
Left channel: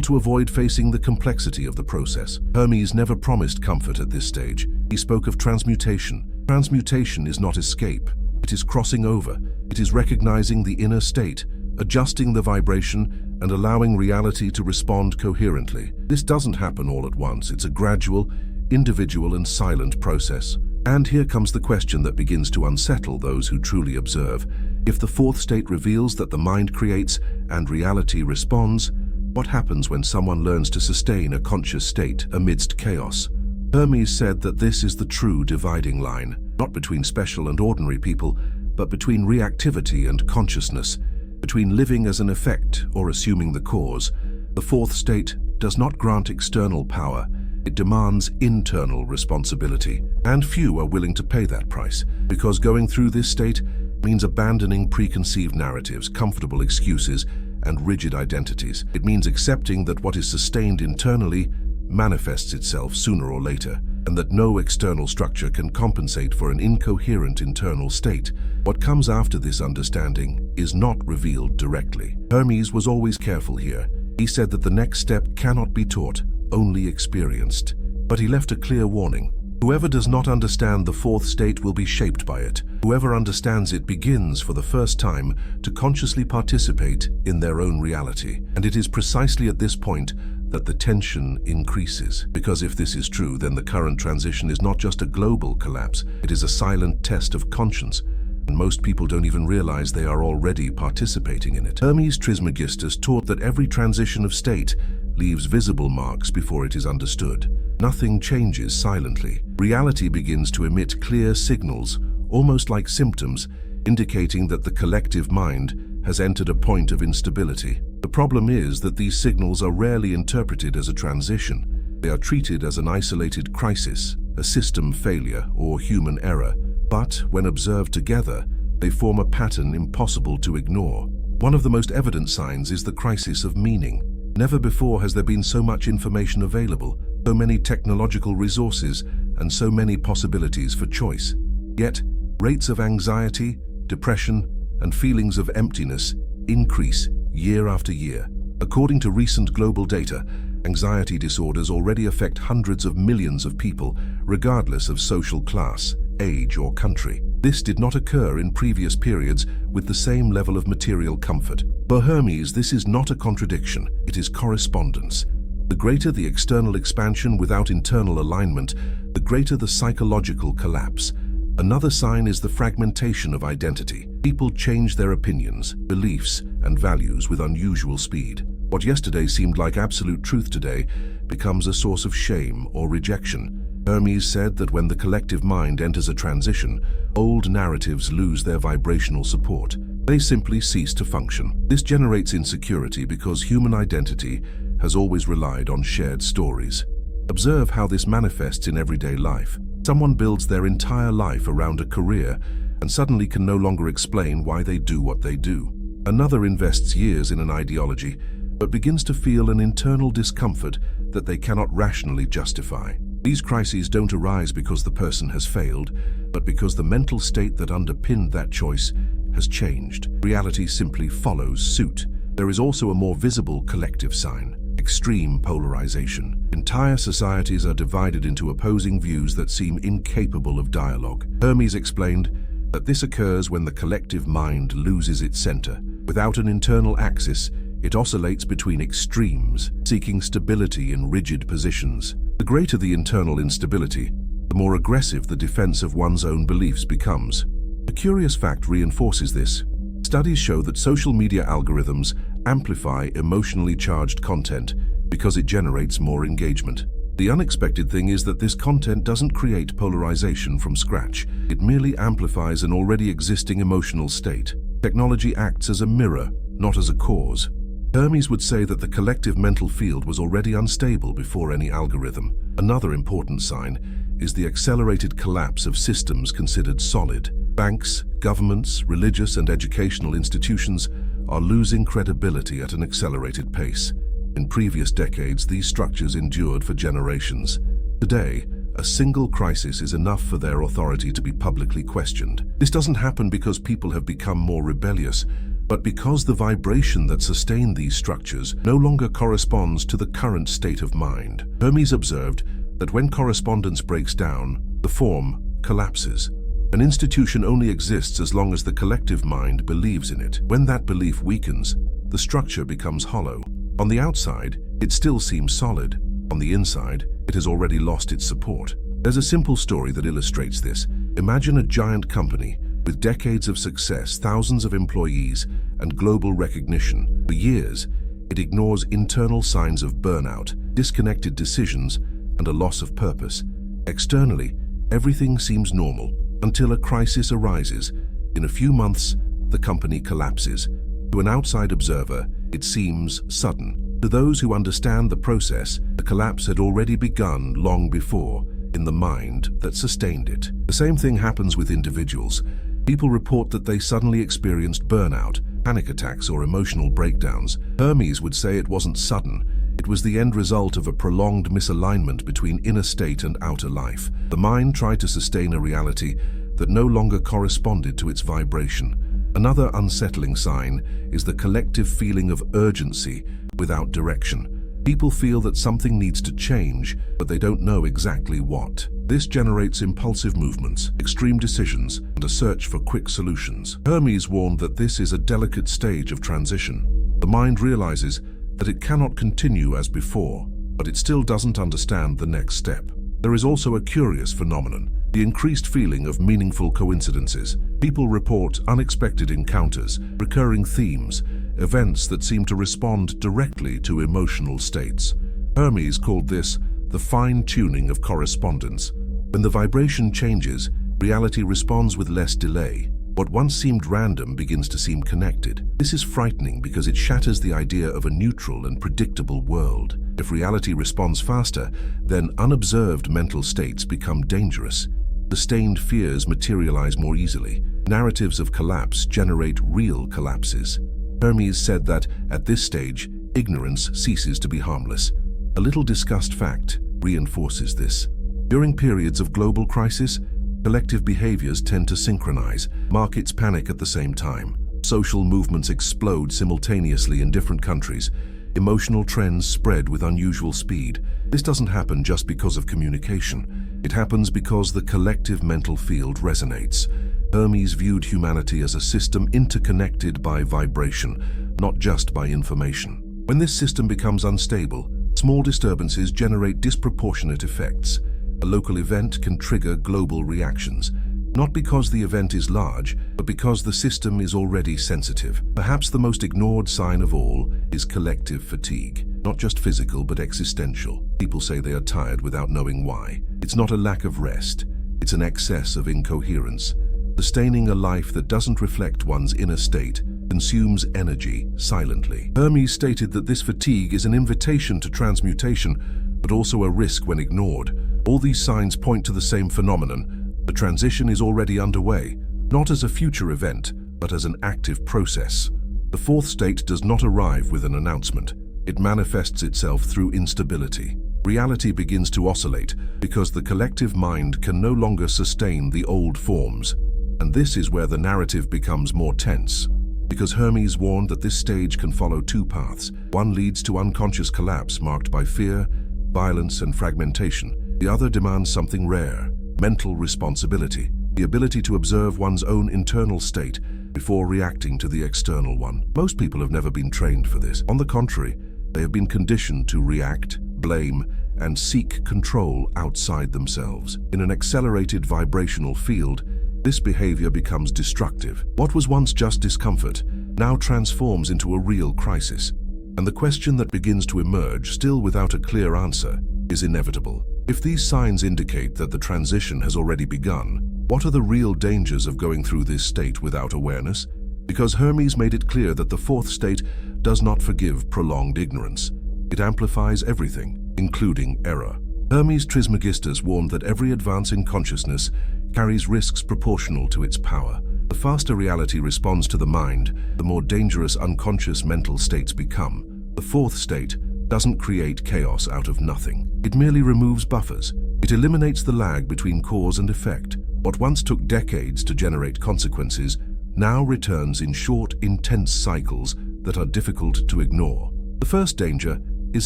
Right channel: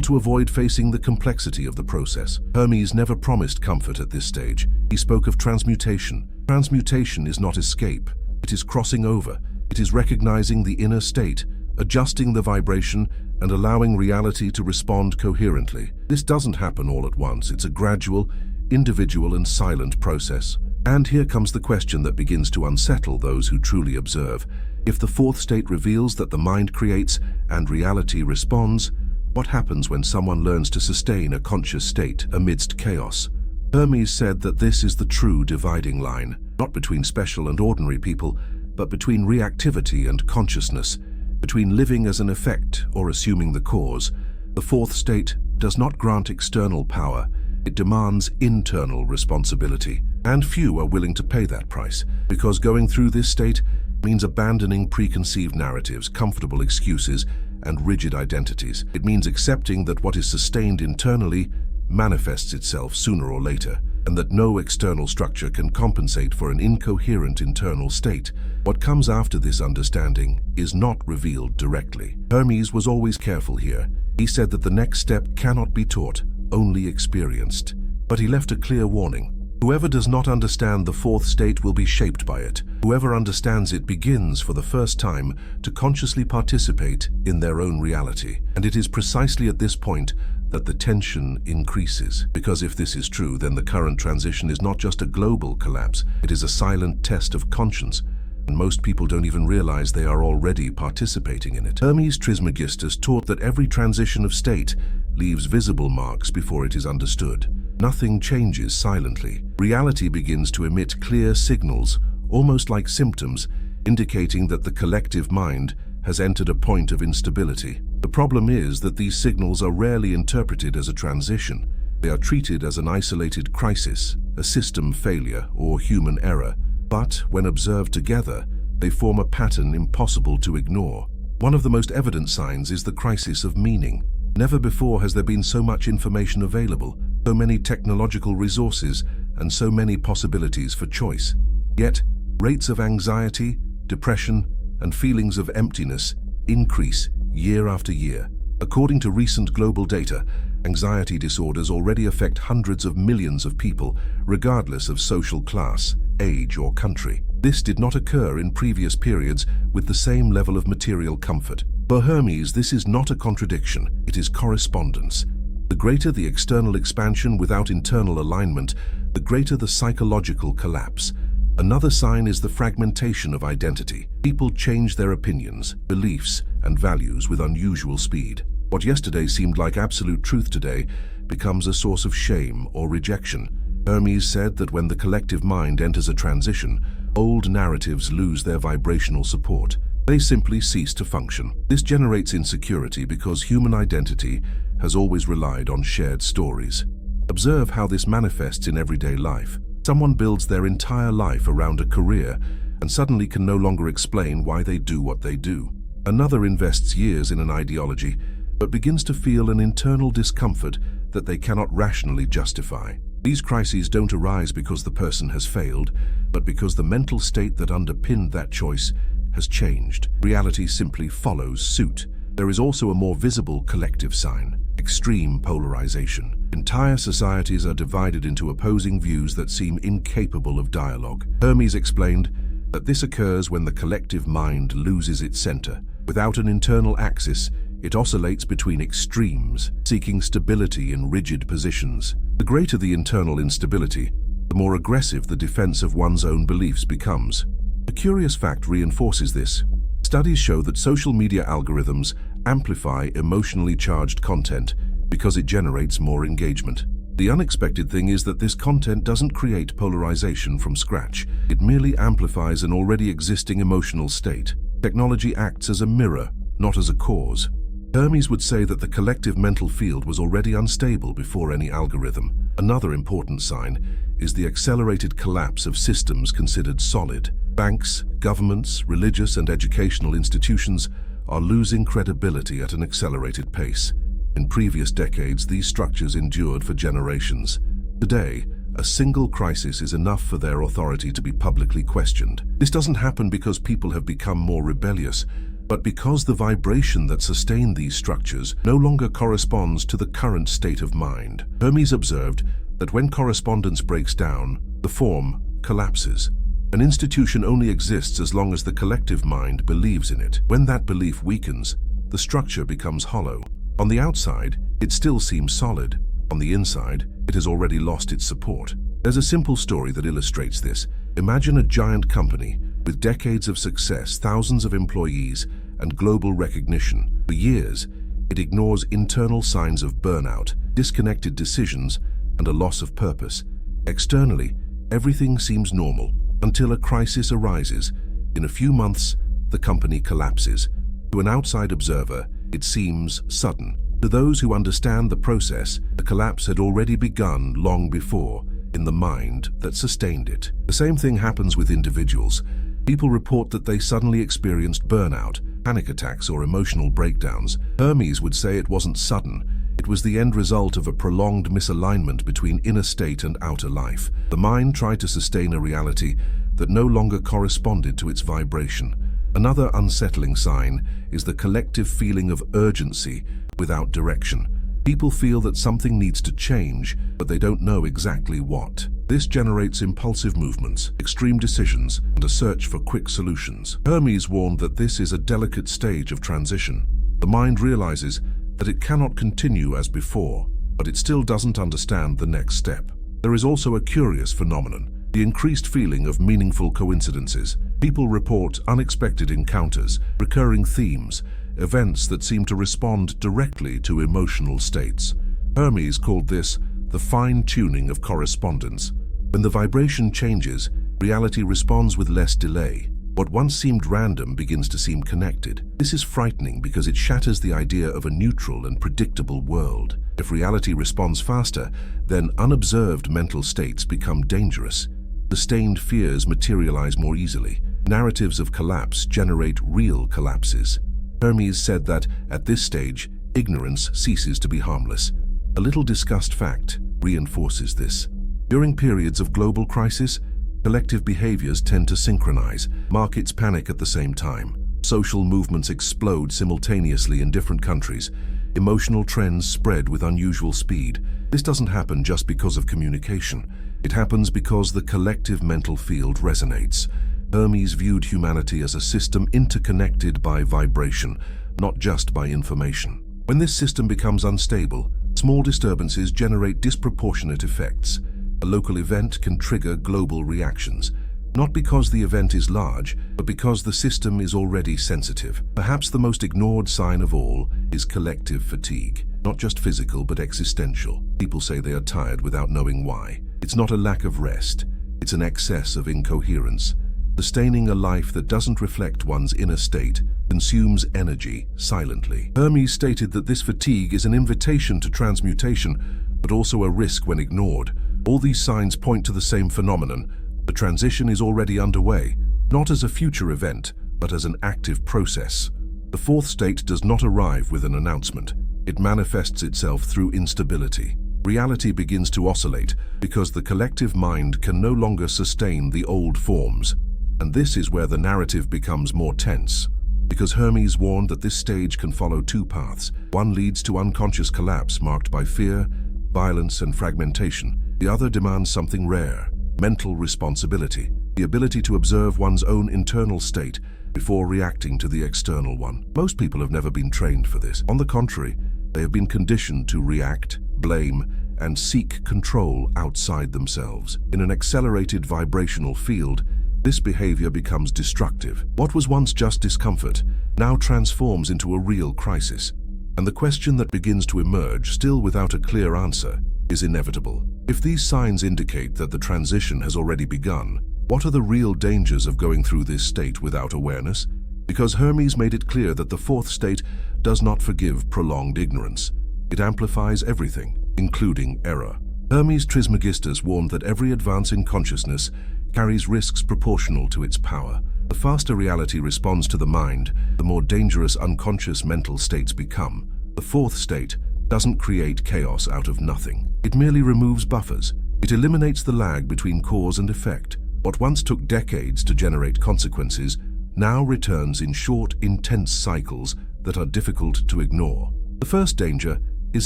to avoid facing the complexity of the process. Hermes never promised comfort at this stage. He spoke of transmutation. Transmutation is not escape. It is crossing over. It is recognizing the inner state, adjusting the vibration, and allowing reality to respond coherently. This doesn't happen all at once. It's a gradual, individual, and silent process. And here comes the question that begins to unsettle those who truly observe. If the fourth state reveals that the mind creates and reality responds, what happens when someone learns to sustain a conscious state amidst chaos? Hermes said that this is the true dividing line, not between special and ordinary people, but between reactivity and consciousness, between living as an effect or assuming the cause. The fourth state does not grant external power. It demands internal responsibility, and few are willing to pay that price, because going through this state means abandoning preconceived narratives, comfortable excuses, and rigid identities. It means accepting that what is sustained internally manifests itself sooner or later, and that no external structure can compensate for an incoherent internal state. What comes after this understanding is not revealed directly. Hermes was always careful here. He said that the next step cannot be taught, only experienced. But he left a clear warning. Whoever does not understand the fourth state will be shaped by it. Whoever understands it begins for the first time to consciously participate in their own reality. And it is precisely at this point that the tension increases. Because if this is true, then the current transition is not just a global collapse, it is a silent test of conscience. And most people don't even realize they are already participating in it. Hermes Trismegistus taught that every transition of state leaves visible marks before it is understood. Nothing changes silently. Reality begins to emit clear signals, almost like symptoms, indicating that the collective mind has entered a point of instability. The problem is that these signals are rarely interpreted as a transition. They are treated as an isolated crisis, a system failure, or human error. But when observed together, they form a pattern impossible to ignore. One of the most evident signs is the crisis of meaning. Never before has there been so much information available, so many technological resources, and so many possibilities for choice. Yet, rates of anxiety, depression, and feelings of emptiness increase year after year. According to recent global data, anxiety disorders already affect hundreds of millions of people, regardless of social class, age, or country. This did not occur in previous periods with the same level of material comfort. For Hermes, this is not a contradiction, it is correspondence. The greater the external expansion without internal alignment, the greater the psychological collapse. Another sign is the fragmentation of identity. People change their opinions, beliefs, and values with unusual speed. What yesterday seemed like absolute truth today becomes a source of shame or rejection. Hermes said that when the collective mind enters a transition, old narratives lose their vibrational support. They simply cease to function. This generates insecurity because human identity has always relied on shared stories. Observe how this manifests in everyday life. Someone builds their entire life around a career and suddenly can no longer explain why they do what they do. Another invests years in an ideology but begins to feel an internal discomfort that they cannot rationally justify. These crises don't arise because the person has failed, but because the mental state that underpinned that choice has changed. Reality simply follows suit. There is also a more visible collective sign: extreme polarization. Entire societies are divided into opposing views that seem incapable of dialogue. Hermes explained that this occurs when the collective mind loses its center. Without an internal axis, it oscillates between extremes, seeking stability in rigid positions. The greater the internal instability, the more aggressive the defense of one's own beliefs becomes. A curious fact reinforces this. Studies show that social media algorithms amplify emotionally charged content because it generates more engagement. The unexpected thing is that this content doesn't create polarization from scratch. It merely amplifies an already existing emotional state. Technology acts as a mirror, not as a cause. Hermes would say that the collective mental field was already unstable before any algorithm. Another important sign is the accelerated collapse of systems considered solid. Banks, governments, religious and educational institutions are losing credibility at an accelerated pace. In previous decades, these structures endured for generations. Today, a single crisis is enough for their authority to be publicly questioned. This doesn't happen because people have become more rebellious, but because the vibration that sustained these structures no longer corresponds to the current state of mind. Hermes observed that when correspondence breaks down, the form collapses. An institution only exists as long as the collective mind believes in it. When that belief weakens, the structure becomes hollow. On the outside, it still seems solid. On the inside, it has already lost its support. There's a simple story that illustrates this. Imagine a giant company with decades of success, thousands of employees, and global recognition. For years, it ignores internal signs of burnout, disconnected decisions, and a loss of purpose. Externally, everything seems normal until a crisis arises. In a few months, the company collapses. To an outside observer, it seems sudden. To those who understand the process, the collapse had already begun long before, in the mind that sustained it. The same thing happens with individuals. People report that they suddenly experienced burnout, panic attacks, or emotional breakdowns. Hermes would say it wasn't sudden. It was the end result of a prolonged misalignment between inner state and outer life. The mind tried to sustain a reality that no longer corresponded to its vibration. Another unsettling sign is the collective feeling of urgency without direction. People feel that something needs to change, but they don't know exactly what. This generates impulsive movements, extreme decisions, and a search for quick solutions. Hermes warned that this is a delicate stage of transition. The mind realizes that it cannot continue as before, but it still doesn't understand the next step. There is also a curious phenomenon, the increased feeling of meaningful coincidences. People report unexpected encounters, recurring themes, events that seem to respond directly to emotional states. Hermes called this the fine-tuning of correspondence. When the vibration changes, reality responds with less delay. What once seemed random begins to seem connected. This is frightening because it shatters the idea of a neutral and predictable world. If reality responds faster, then unobserved mental states become dangerous. Sustained fears materialize more easily. Narratives of collapse generate real collapses. Hermes said that, at this stage, ignorance ceases to be harmless. A little discussed fact reinforces this. During periods of global crisis, collective behaviors tend to synchronize. Markets panic at the same time. Social movements explode simultaneously in different countries. Emotional trends spread with unusual speed. This doesn't happen just because of communication. It happens because the collective mental field resonates. Hermes viewed humanity as a system interconnected by vibration, not just by information. When this system becomes unstable, small disturbances generate disproportionate effects. A local event can trigger global reactions, not because the event is large, but because the system is already sensitive. Perhaps the most ignored sign of all is collective fatigue, not just physical but existential. People say they are tired without knowing why. It's not a lack of rest, it's an excess of incoherence. Sustaining a life that doesn't reflect one's inner state consumes energy silently. Hermes stated that this fatigue is an invitation to transmutation, but also a risk when ignored. All these signs point to the same phenomenon. The transition is already underway, not as a future event, but as an active process. The fourth state does not arrive with an announcement. It manifests itself through instability. Reality begins to oscillate because the collective mind can no longer sustain the old forms. And this is where the narrative becomes more tense. Because Hermes warned that this stage can follow two paths. One leads to unconscious collapse marked by fear, violence, and fragmentation. The other demands something rare, mental responsibility, the ability to observe one's own internal state before reacting to the external one. Most people have never been trained for this. On the contrary, they have been conditioned to react, blame, and seek control outside themselves. In an accelerated vibrational field, this behavior becomes destructive. What was once just discomfort now transforms into a real crisis. And the question that begins to emerge, still without a clear answer, is inevitable. If these signs indicate that the transition has already begun, what are the real dangers of going through this state without awareness? Because Hermes made it clear that the fourth state does not forgive prolonged ignorance. It amplifies everything, including error. Hermes Trismegistus warned that every advance in consciousness carries risks proportional to its power. The faster reality responds to the mind, the more dangerous unconscious mental states become. The fourth state, doesn't create chaos out of nothing. It merely removes buffers. It eliminates the lag between cause and effect. What once took decades to generate consequences now returns in short, intense cycles that are difficult to ignore. The first danger is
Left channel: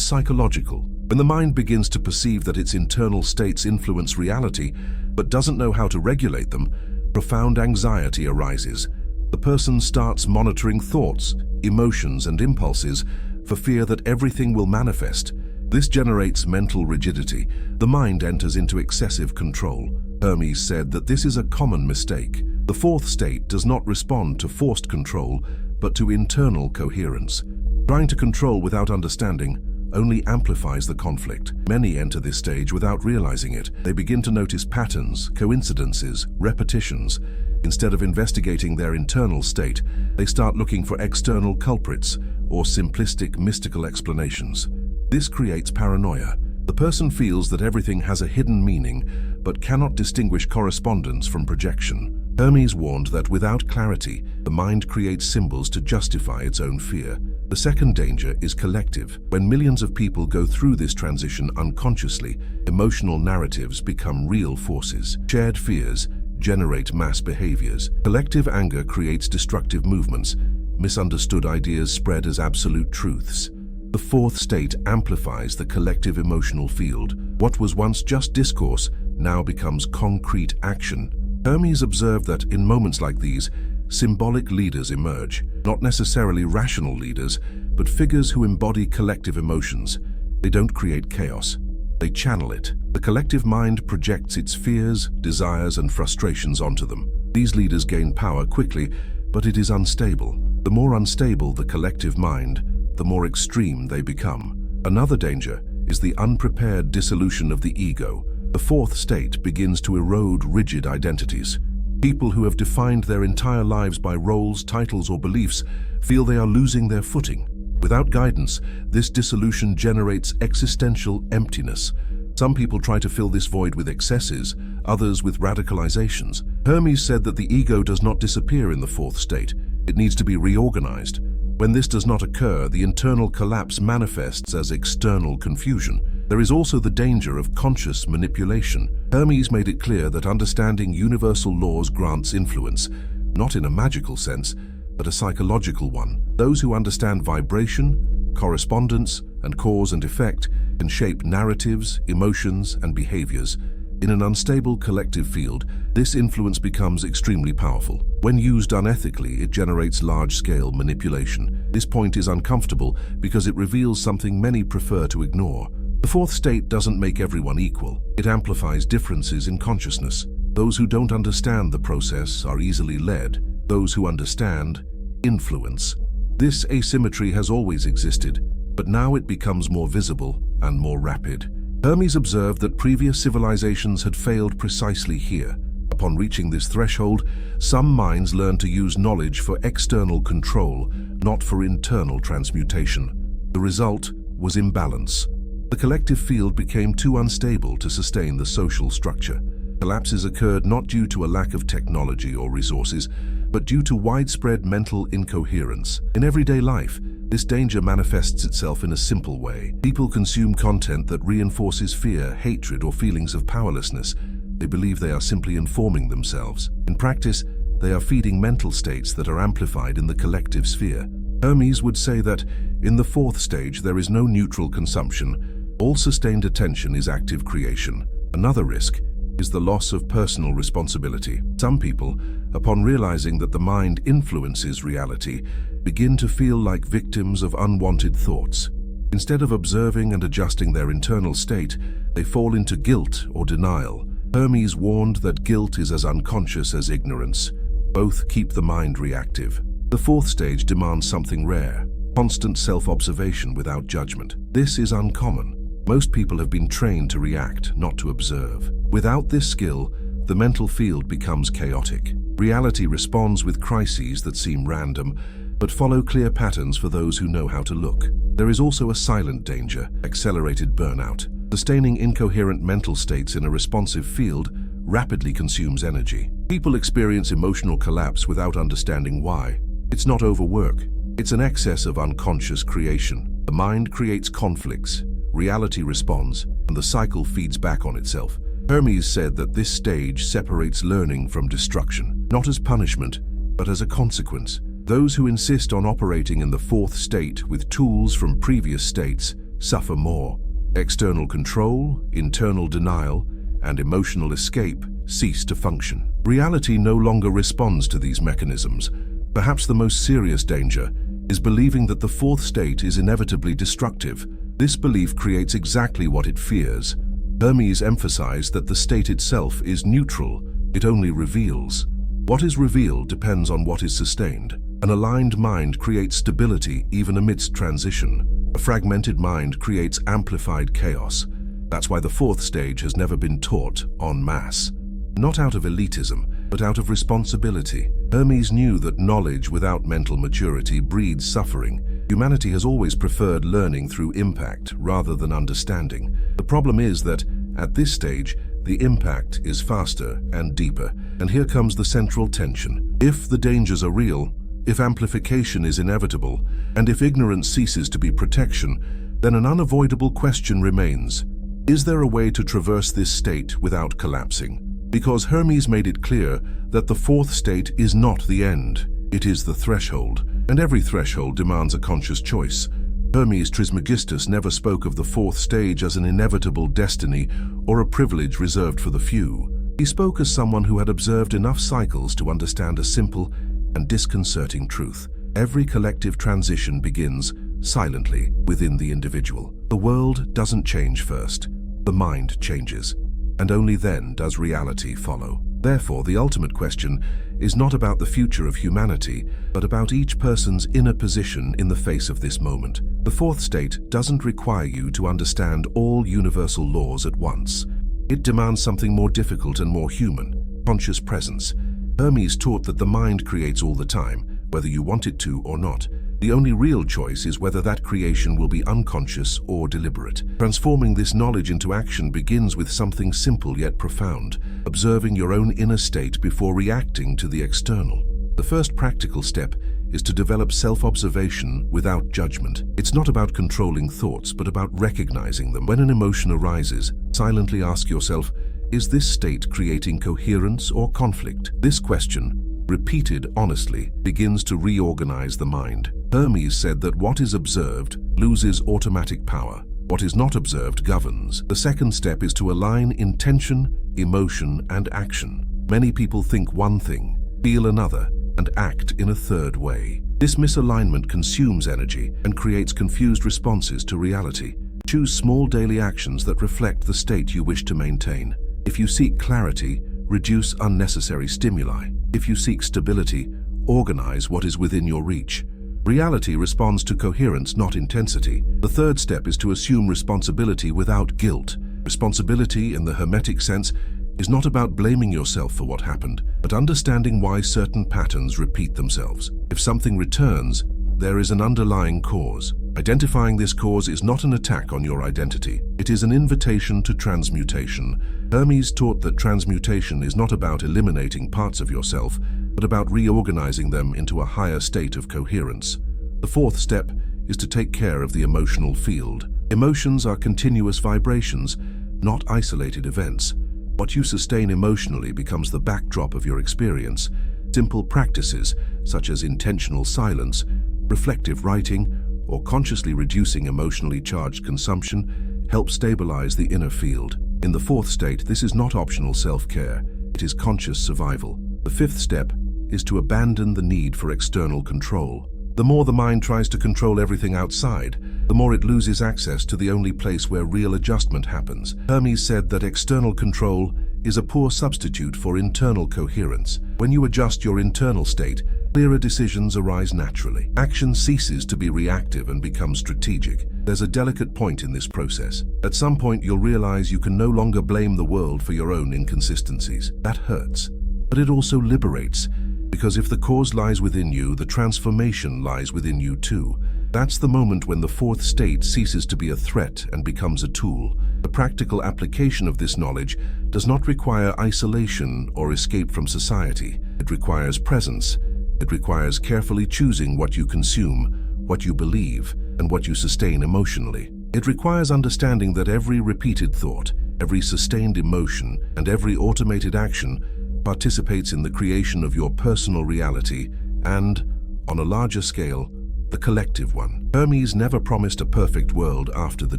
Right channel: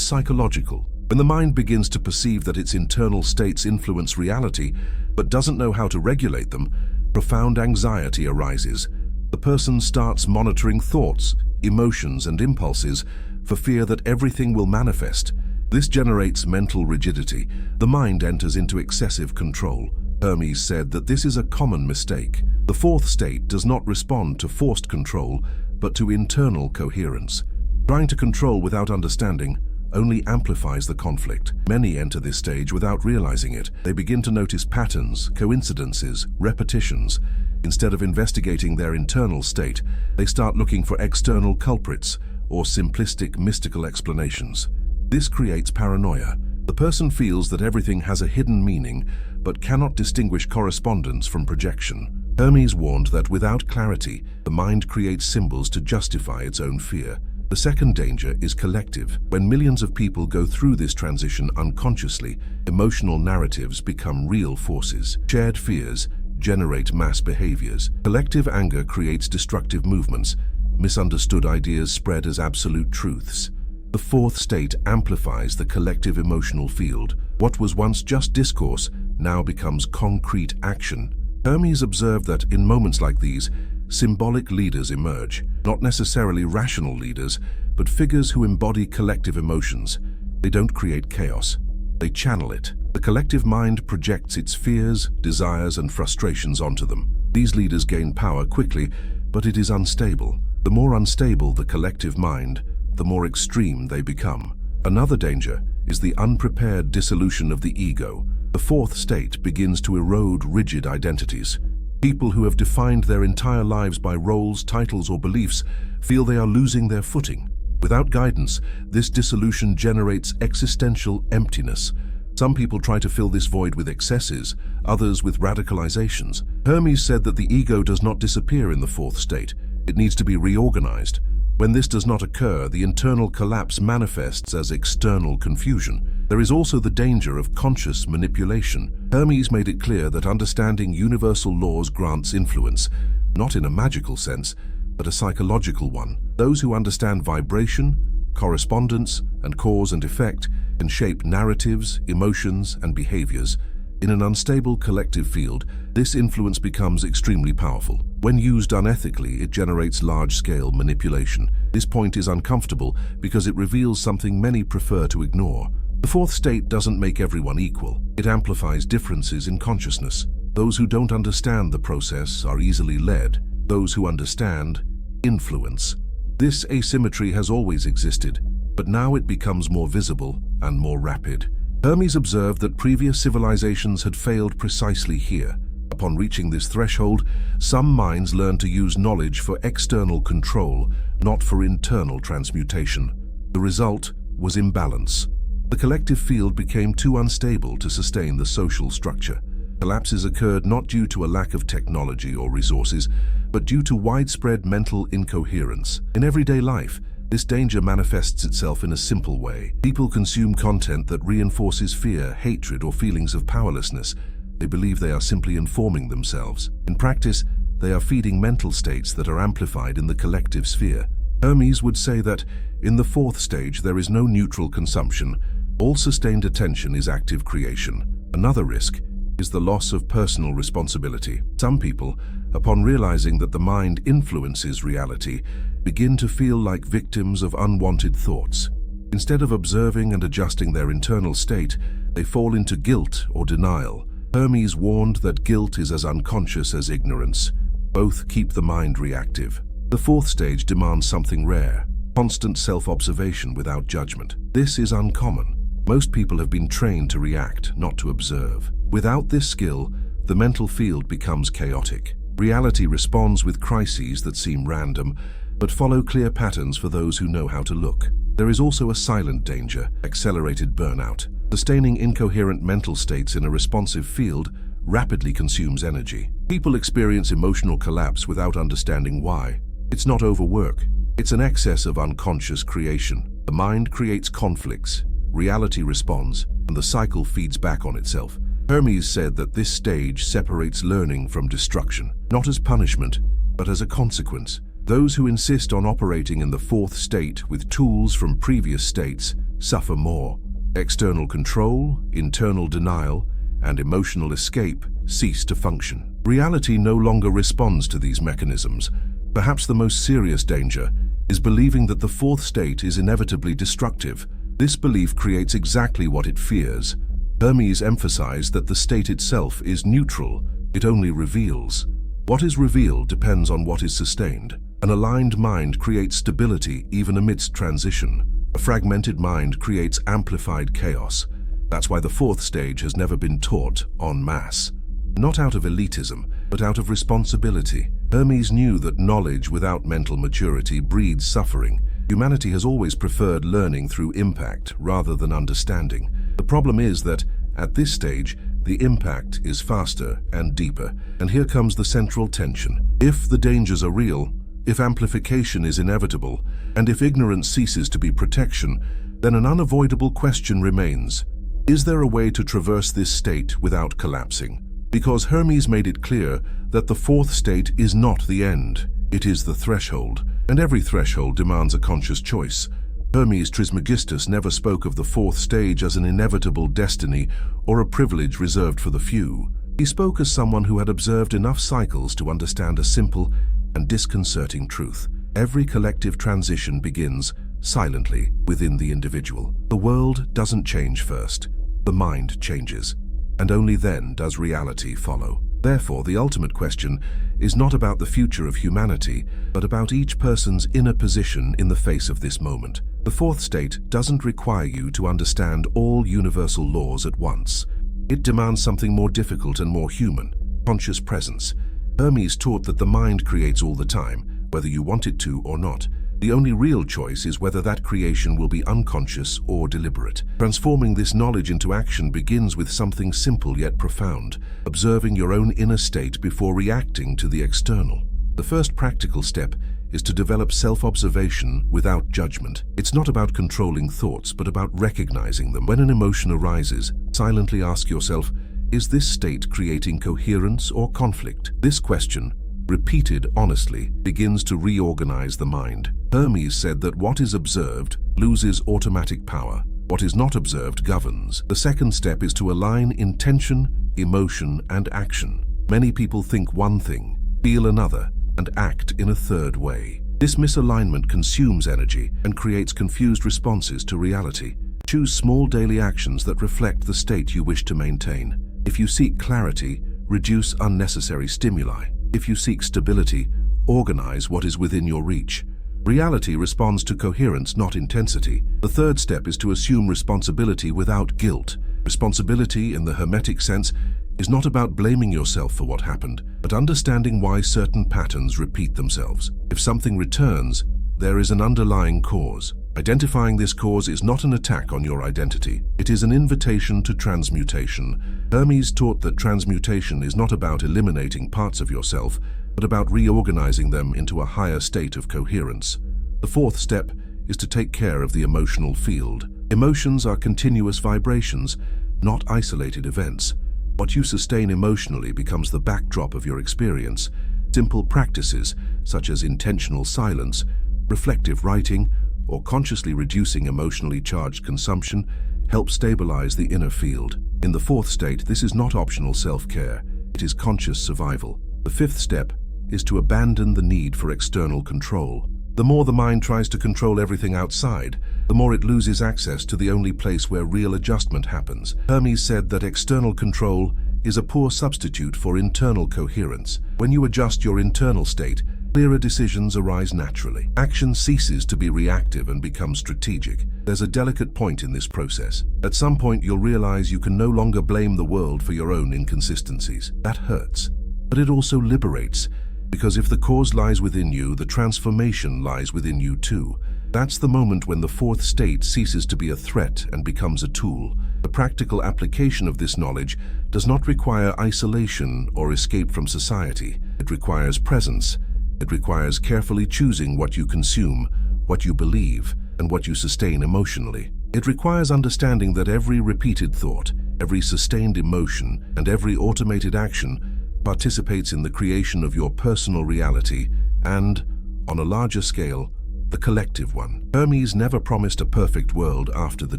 psychological. When the mind begins to perceive that its internal states influence reality, but doesn't know how to regulate them, profound anxiety arises. The person starts monitoring thoughts, emotions, and impulses for fear that everything will manifest. This generates mental rigidity. The mind enters into excessive control. Hermes said that this is a common mistake. The fourth state does not respond to forced control, but to internal coherence. Trying to control without understanding only amplifies the conflict. Many enter this stage without realizing it. They begin to notice patterns, coincidences, repetitions. Instead of investigating their internal state, they start looking for external culprits or simplistic mystical explanations. This creates paranoia. The person feels that everything has a hidden meaning, but cannot distinguish correspondence from projection. Hermes warned that without clarity, the mind creates symbols to justify its own fear. The second danger is collective. When millions of people go through this transition unconsciously, emotional narratives become real forces. Shared fears generate mass behaviors. Collective anger creates destructive movements. Misunderstood ideas spread as absolute truths. The fourth state amplifies the collective emotional field. What was once just discourse now becomes concrete action. Hermes observed that in moments like these, symbolic leaders emerge, not necessarily rational leaders, but figures who embody collective emotions. They don't create chaos, they channel it. The collective mind projects its fears, desires, and frustrations onto them. These leaders gain power quickly, but it is unstable. The more unstable the collective mind, the more extreme they become. Another danger is the unprepared dissolution of the ego. The fourth state begins to erode rigid identities. People who have defined their entire lives by roles, titles, or beliefs feel they are losing their footing. Without guidance, this dissolution generates existential emptiness. Some people try to fill this void with excesses, others with radicalizations. Hermes said that the ego does not disappear in the fourth state. It needs to be reorganized. When this does not occur, the internal collapse manifests as external confusion. There is also the danger of conscious manipulation. Hermes made it clear that understanding universal laws grants influence, not in a magical sense, but a psychological one. Those who understand vibration, correspondence, and cause and effect can shape narratives, emotions, and behaviors. In an unstable collective field, this influence becomes extremely powerful. When used unethically, it generates large-scale manipulation. This point is uncomfortable because it reveals something many prefer to ignore. The fourth state doesn't make everyone equal. It amplifies differences in consciousness. Those who don't understand the process are easily led. Those who understand, influence. This asymmetry has always existed, but now it becomes more visible and more rapid. Hermes observed that previous civilizations had failed precisely here. Upon reaching this threshold, some minds learned to use knowledge for external control, not for internal transmutation. The result was imbalance. The collective field became too unstable to sustain the social structure. Collapses occurred not due to a lack of technology or resources, but due to widespread mental incoherence. In everyday life, this danger manifests itself in a simple way. People consume content that reinforces fear, hatred, or feelings of powerlessness. They believe they are simply informing themselves. In practice, they are feeding mental states that are amplified in the collective sphere. Hermes would say that in the fourth stage there is no neutral consumption. All sustained attention is active creation. Another risk is the loss of personal responsibility. Some people, upon realizing that the mind influences reality, begin to feel like victims of unwanted thoughts. Instead of observing and adjusting their internal state, they fall into guilt or denial. Hermes warned that guilt is as unconscious as ignorance. Both keep the mind reactive. The fourth stage demands something rare: constant self-observation without judgment. This is uncommon. Most people have been trained to react, not to observe. Without this skill, the mental field becomes chaotic. Reality responds with crises that seem random, but follow clear patterns for those who know how to look. There is also a silent danger: accelerated burnout. Sustaining incoherent mental states in a responsive field rapidly consumes energy. People experience emotional collapse without understanding why. It's not overwork, it's an excess of unconscious creation. The mind creates conflicts, reality responds, and the cycle feeds back on itself. Hermes said that this stage separates learning from destruction, not as punishment, but as a consequence. Those who insist on operating in the fourth state with tools from previous states suffer more. External control, internal denial, and emotional escape cease to function. Reality no longer responds to these mechanisms. Perhaps the most serious danger is believing that the fourth state is inevitably destructive. This belief creates exactly what it fears. Hermes emphasized that the state itself is neutral, it only reveals. What is revealed depends on what is sustained. An aligned mind creates stability even amidst transition. A fragmented mind creates amplified chaos. That's why the fourth stage has never been taught en masse. Not out of elitism, but out of responsibility. Hermes knew that knowledge without mental maturity breeds suffering. Humanity has always preferred learning through impact rather than understanding. The problem is that, at this stage, the impact is faster and deeper. And here comes the central tension. If the dangers are real, if amplification is inevitable, and if ignorance ceases to be protection, then an unavoidable question remains. Is there a way to traverse this state without collapsing? Because Hermes made it clear that the fourth state is not the end, it is the threshold, and every threshold demands a conscious choice. Hermes Trismegistus never spoke of the fourth stage as an inevitable destiny or a privilege reserved for the few. He spoke as someone who had observed enough cycles to understand a simple and disconcerting truth. Every collective transition begins silently within the individual. The world doesn't change first, the mind changes, and only then does reality follow. Therefore, the ultimate question is not about the future of humanity, but about each person's inner position in the face of this moment. The fourth state doesn't require you to understand all universal laws at once. It demands something more difficult and more human: conscious presence. Hermes taught that the mind creates all the time, whether you want it to or not. The only real choice is whether that creation will be unconscious or deliberate. Transforming this knowledge into action begins with something simple yet profound: observing your own inner state before reacting to the external. The first practical step is to develop self-observation without judgment. It's not about controlling thoughts, but about recognizing them. When an emotion arises, silently ask yourself, is this state creating coherence or conflict? This question, repeated honestly, begins to reorganize the mind. Hermes said that what is observed loses automatic power. What is not observed governs. The second step is to align intention, emotion, and action. Many people think one thing, feel another, and act in a third way. This misalignment consumes energy and creates confused responses to reality. Choose small daily actions that reflect the state you wish to maintain. If you seek clarity, reduce unnecessary stimuli. If you seek stability, organize what is within your reach. Reality responds to coherence, not intensity. The third step is to assume responsibility without guilt. Responsibility, in the Hermetic sense, is not about blaming yourself for what happened, but understanding why certain patterns repeat themselves. If something returns, there is an underlying cause. Identifying this cause is not an attack on your identity. It is an invitation to transmutation. Hermes taught that transmutation is not about eliminating parts of yourself, but about reorganizing them into a higher state of coherence. The fourth step is to take care of the emotional field. Emotions are continuous vibrations, not isolated events. What you sustain emotionally becomes the backdrop of your experience. Simple practices, such as intentional silence, reflective writing, or consciously reducing emotionally charged consumption, help stabilize the inner field. In the fourth state, this is not optional self-care, it is conscious survival. The fifth step is to abandon the need for external control. The more the mind tries to control everything outside, the more it loses access to the only place where real adjustment happens. Hermes said that external control is a poor substitute for internal coherence. When you adjust your internal state, clearer decisions arise naturally. Action ceases to be reactive and becomes strategic. There's a delicate point in this process. At some point, you'll realize you can no longer blame the world for your own inconsistencies. That hurts, but it also liberates. Because if the cause lies within you, the transformation lies within you too. That's the moment when the fourth state ceases to be a threat and becomes a tool. The practical application of this knowledge does not require isolation or escape from society. It requires presence. It requires carefully choosing what you consume, what you believe, and what you sustain emotionally. It requires understanding that every repeated thought, every sustained emotion, and every automated action participates in the creation of your personal reality and, on a larger scale, the collective one. Hermes never promised a perfect world after the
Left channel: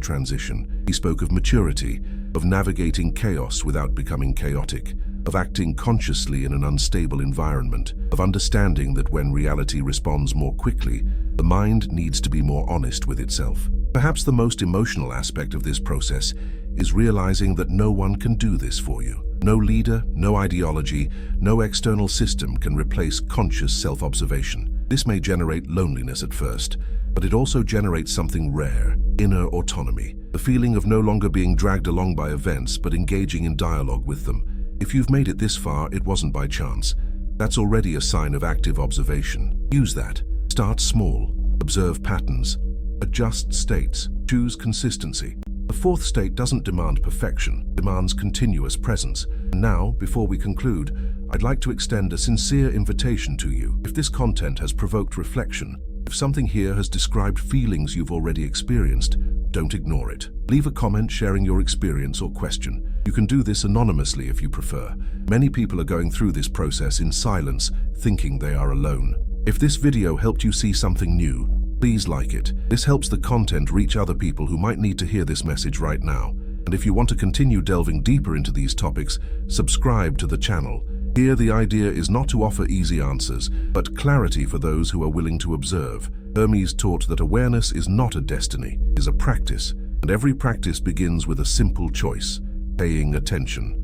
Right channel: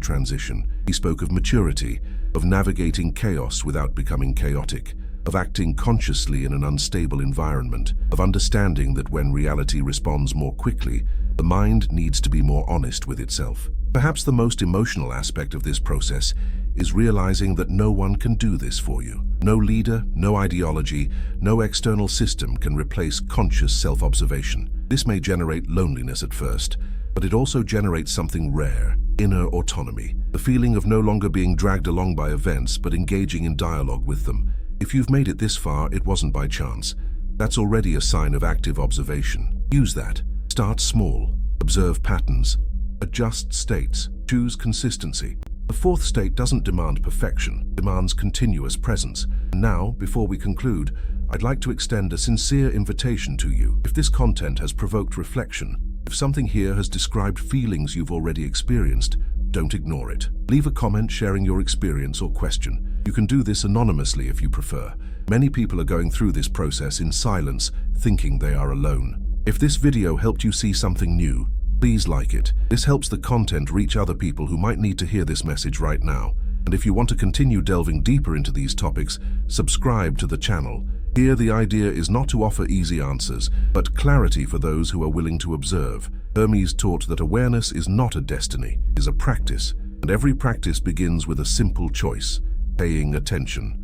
transition. He spoke of maturity, of navigating chaos without becoming chaotic, of acting consciously in an unstable environment, of understanding that when reality responds more quickly, the mind needs to be more honest with itself. Perhaps the most emotional aspect of this process is realizing that no one can do this for you. No leader, no ideology, no external system can replace conscious self-observation. This may generate loneliness at first, but it also generates something rare, inner autonomy, the feeling of no longer being dragged along by events but engaging in dialogue with them. If you've made it this far, it wasn't by chance. That's already a sign of active observation. Use that. Start small, observe patterns, adjust states, choose consistency. The fourth state doesn't demand perfection, it demands continuous presence. And now, before we conclude, I'd like to extend a sincere invitation to you. If this content has provoked reflection, if something here has described feelings you've already experienced, don't ignore it. Leave a comment sharing your experience or question. You can do this anonymously if you prefer. Many people are going through this process in silence, thinking they are alone. If this video helped you see something new, please like it. This helps the content reach other people who might need to hear this message right now. And if you want to continue delving deeper into these topics, subscribe to the channel. Here, the idea is not to offer easy answers, but clarity for those who are willing to observe. Hermes taught that awareness is not a destiny, it is a practice, and every practice begins with a simple choice: paying attention.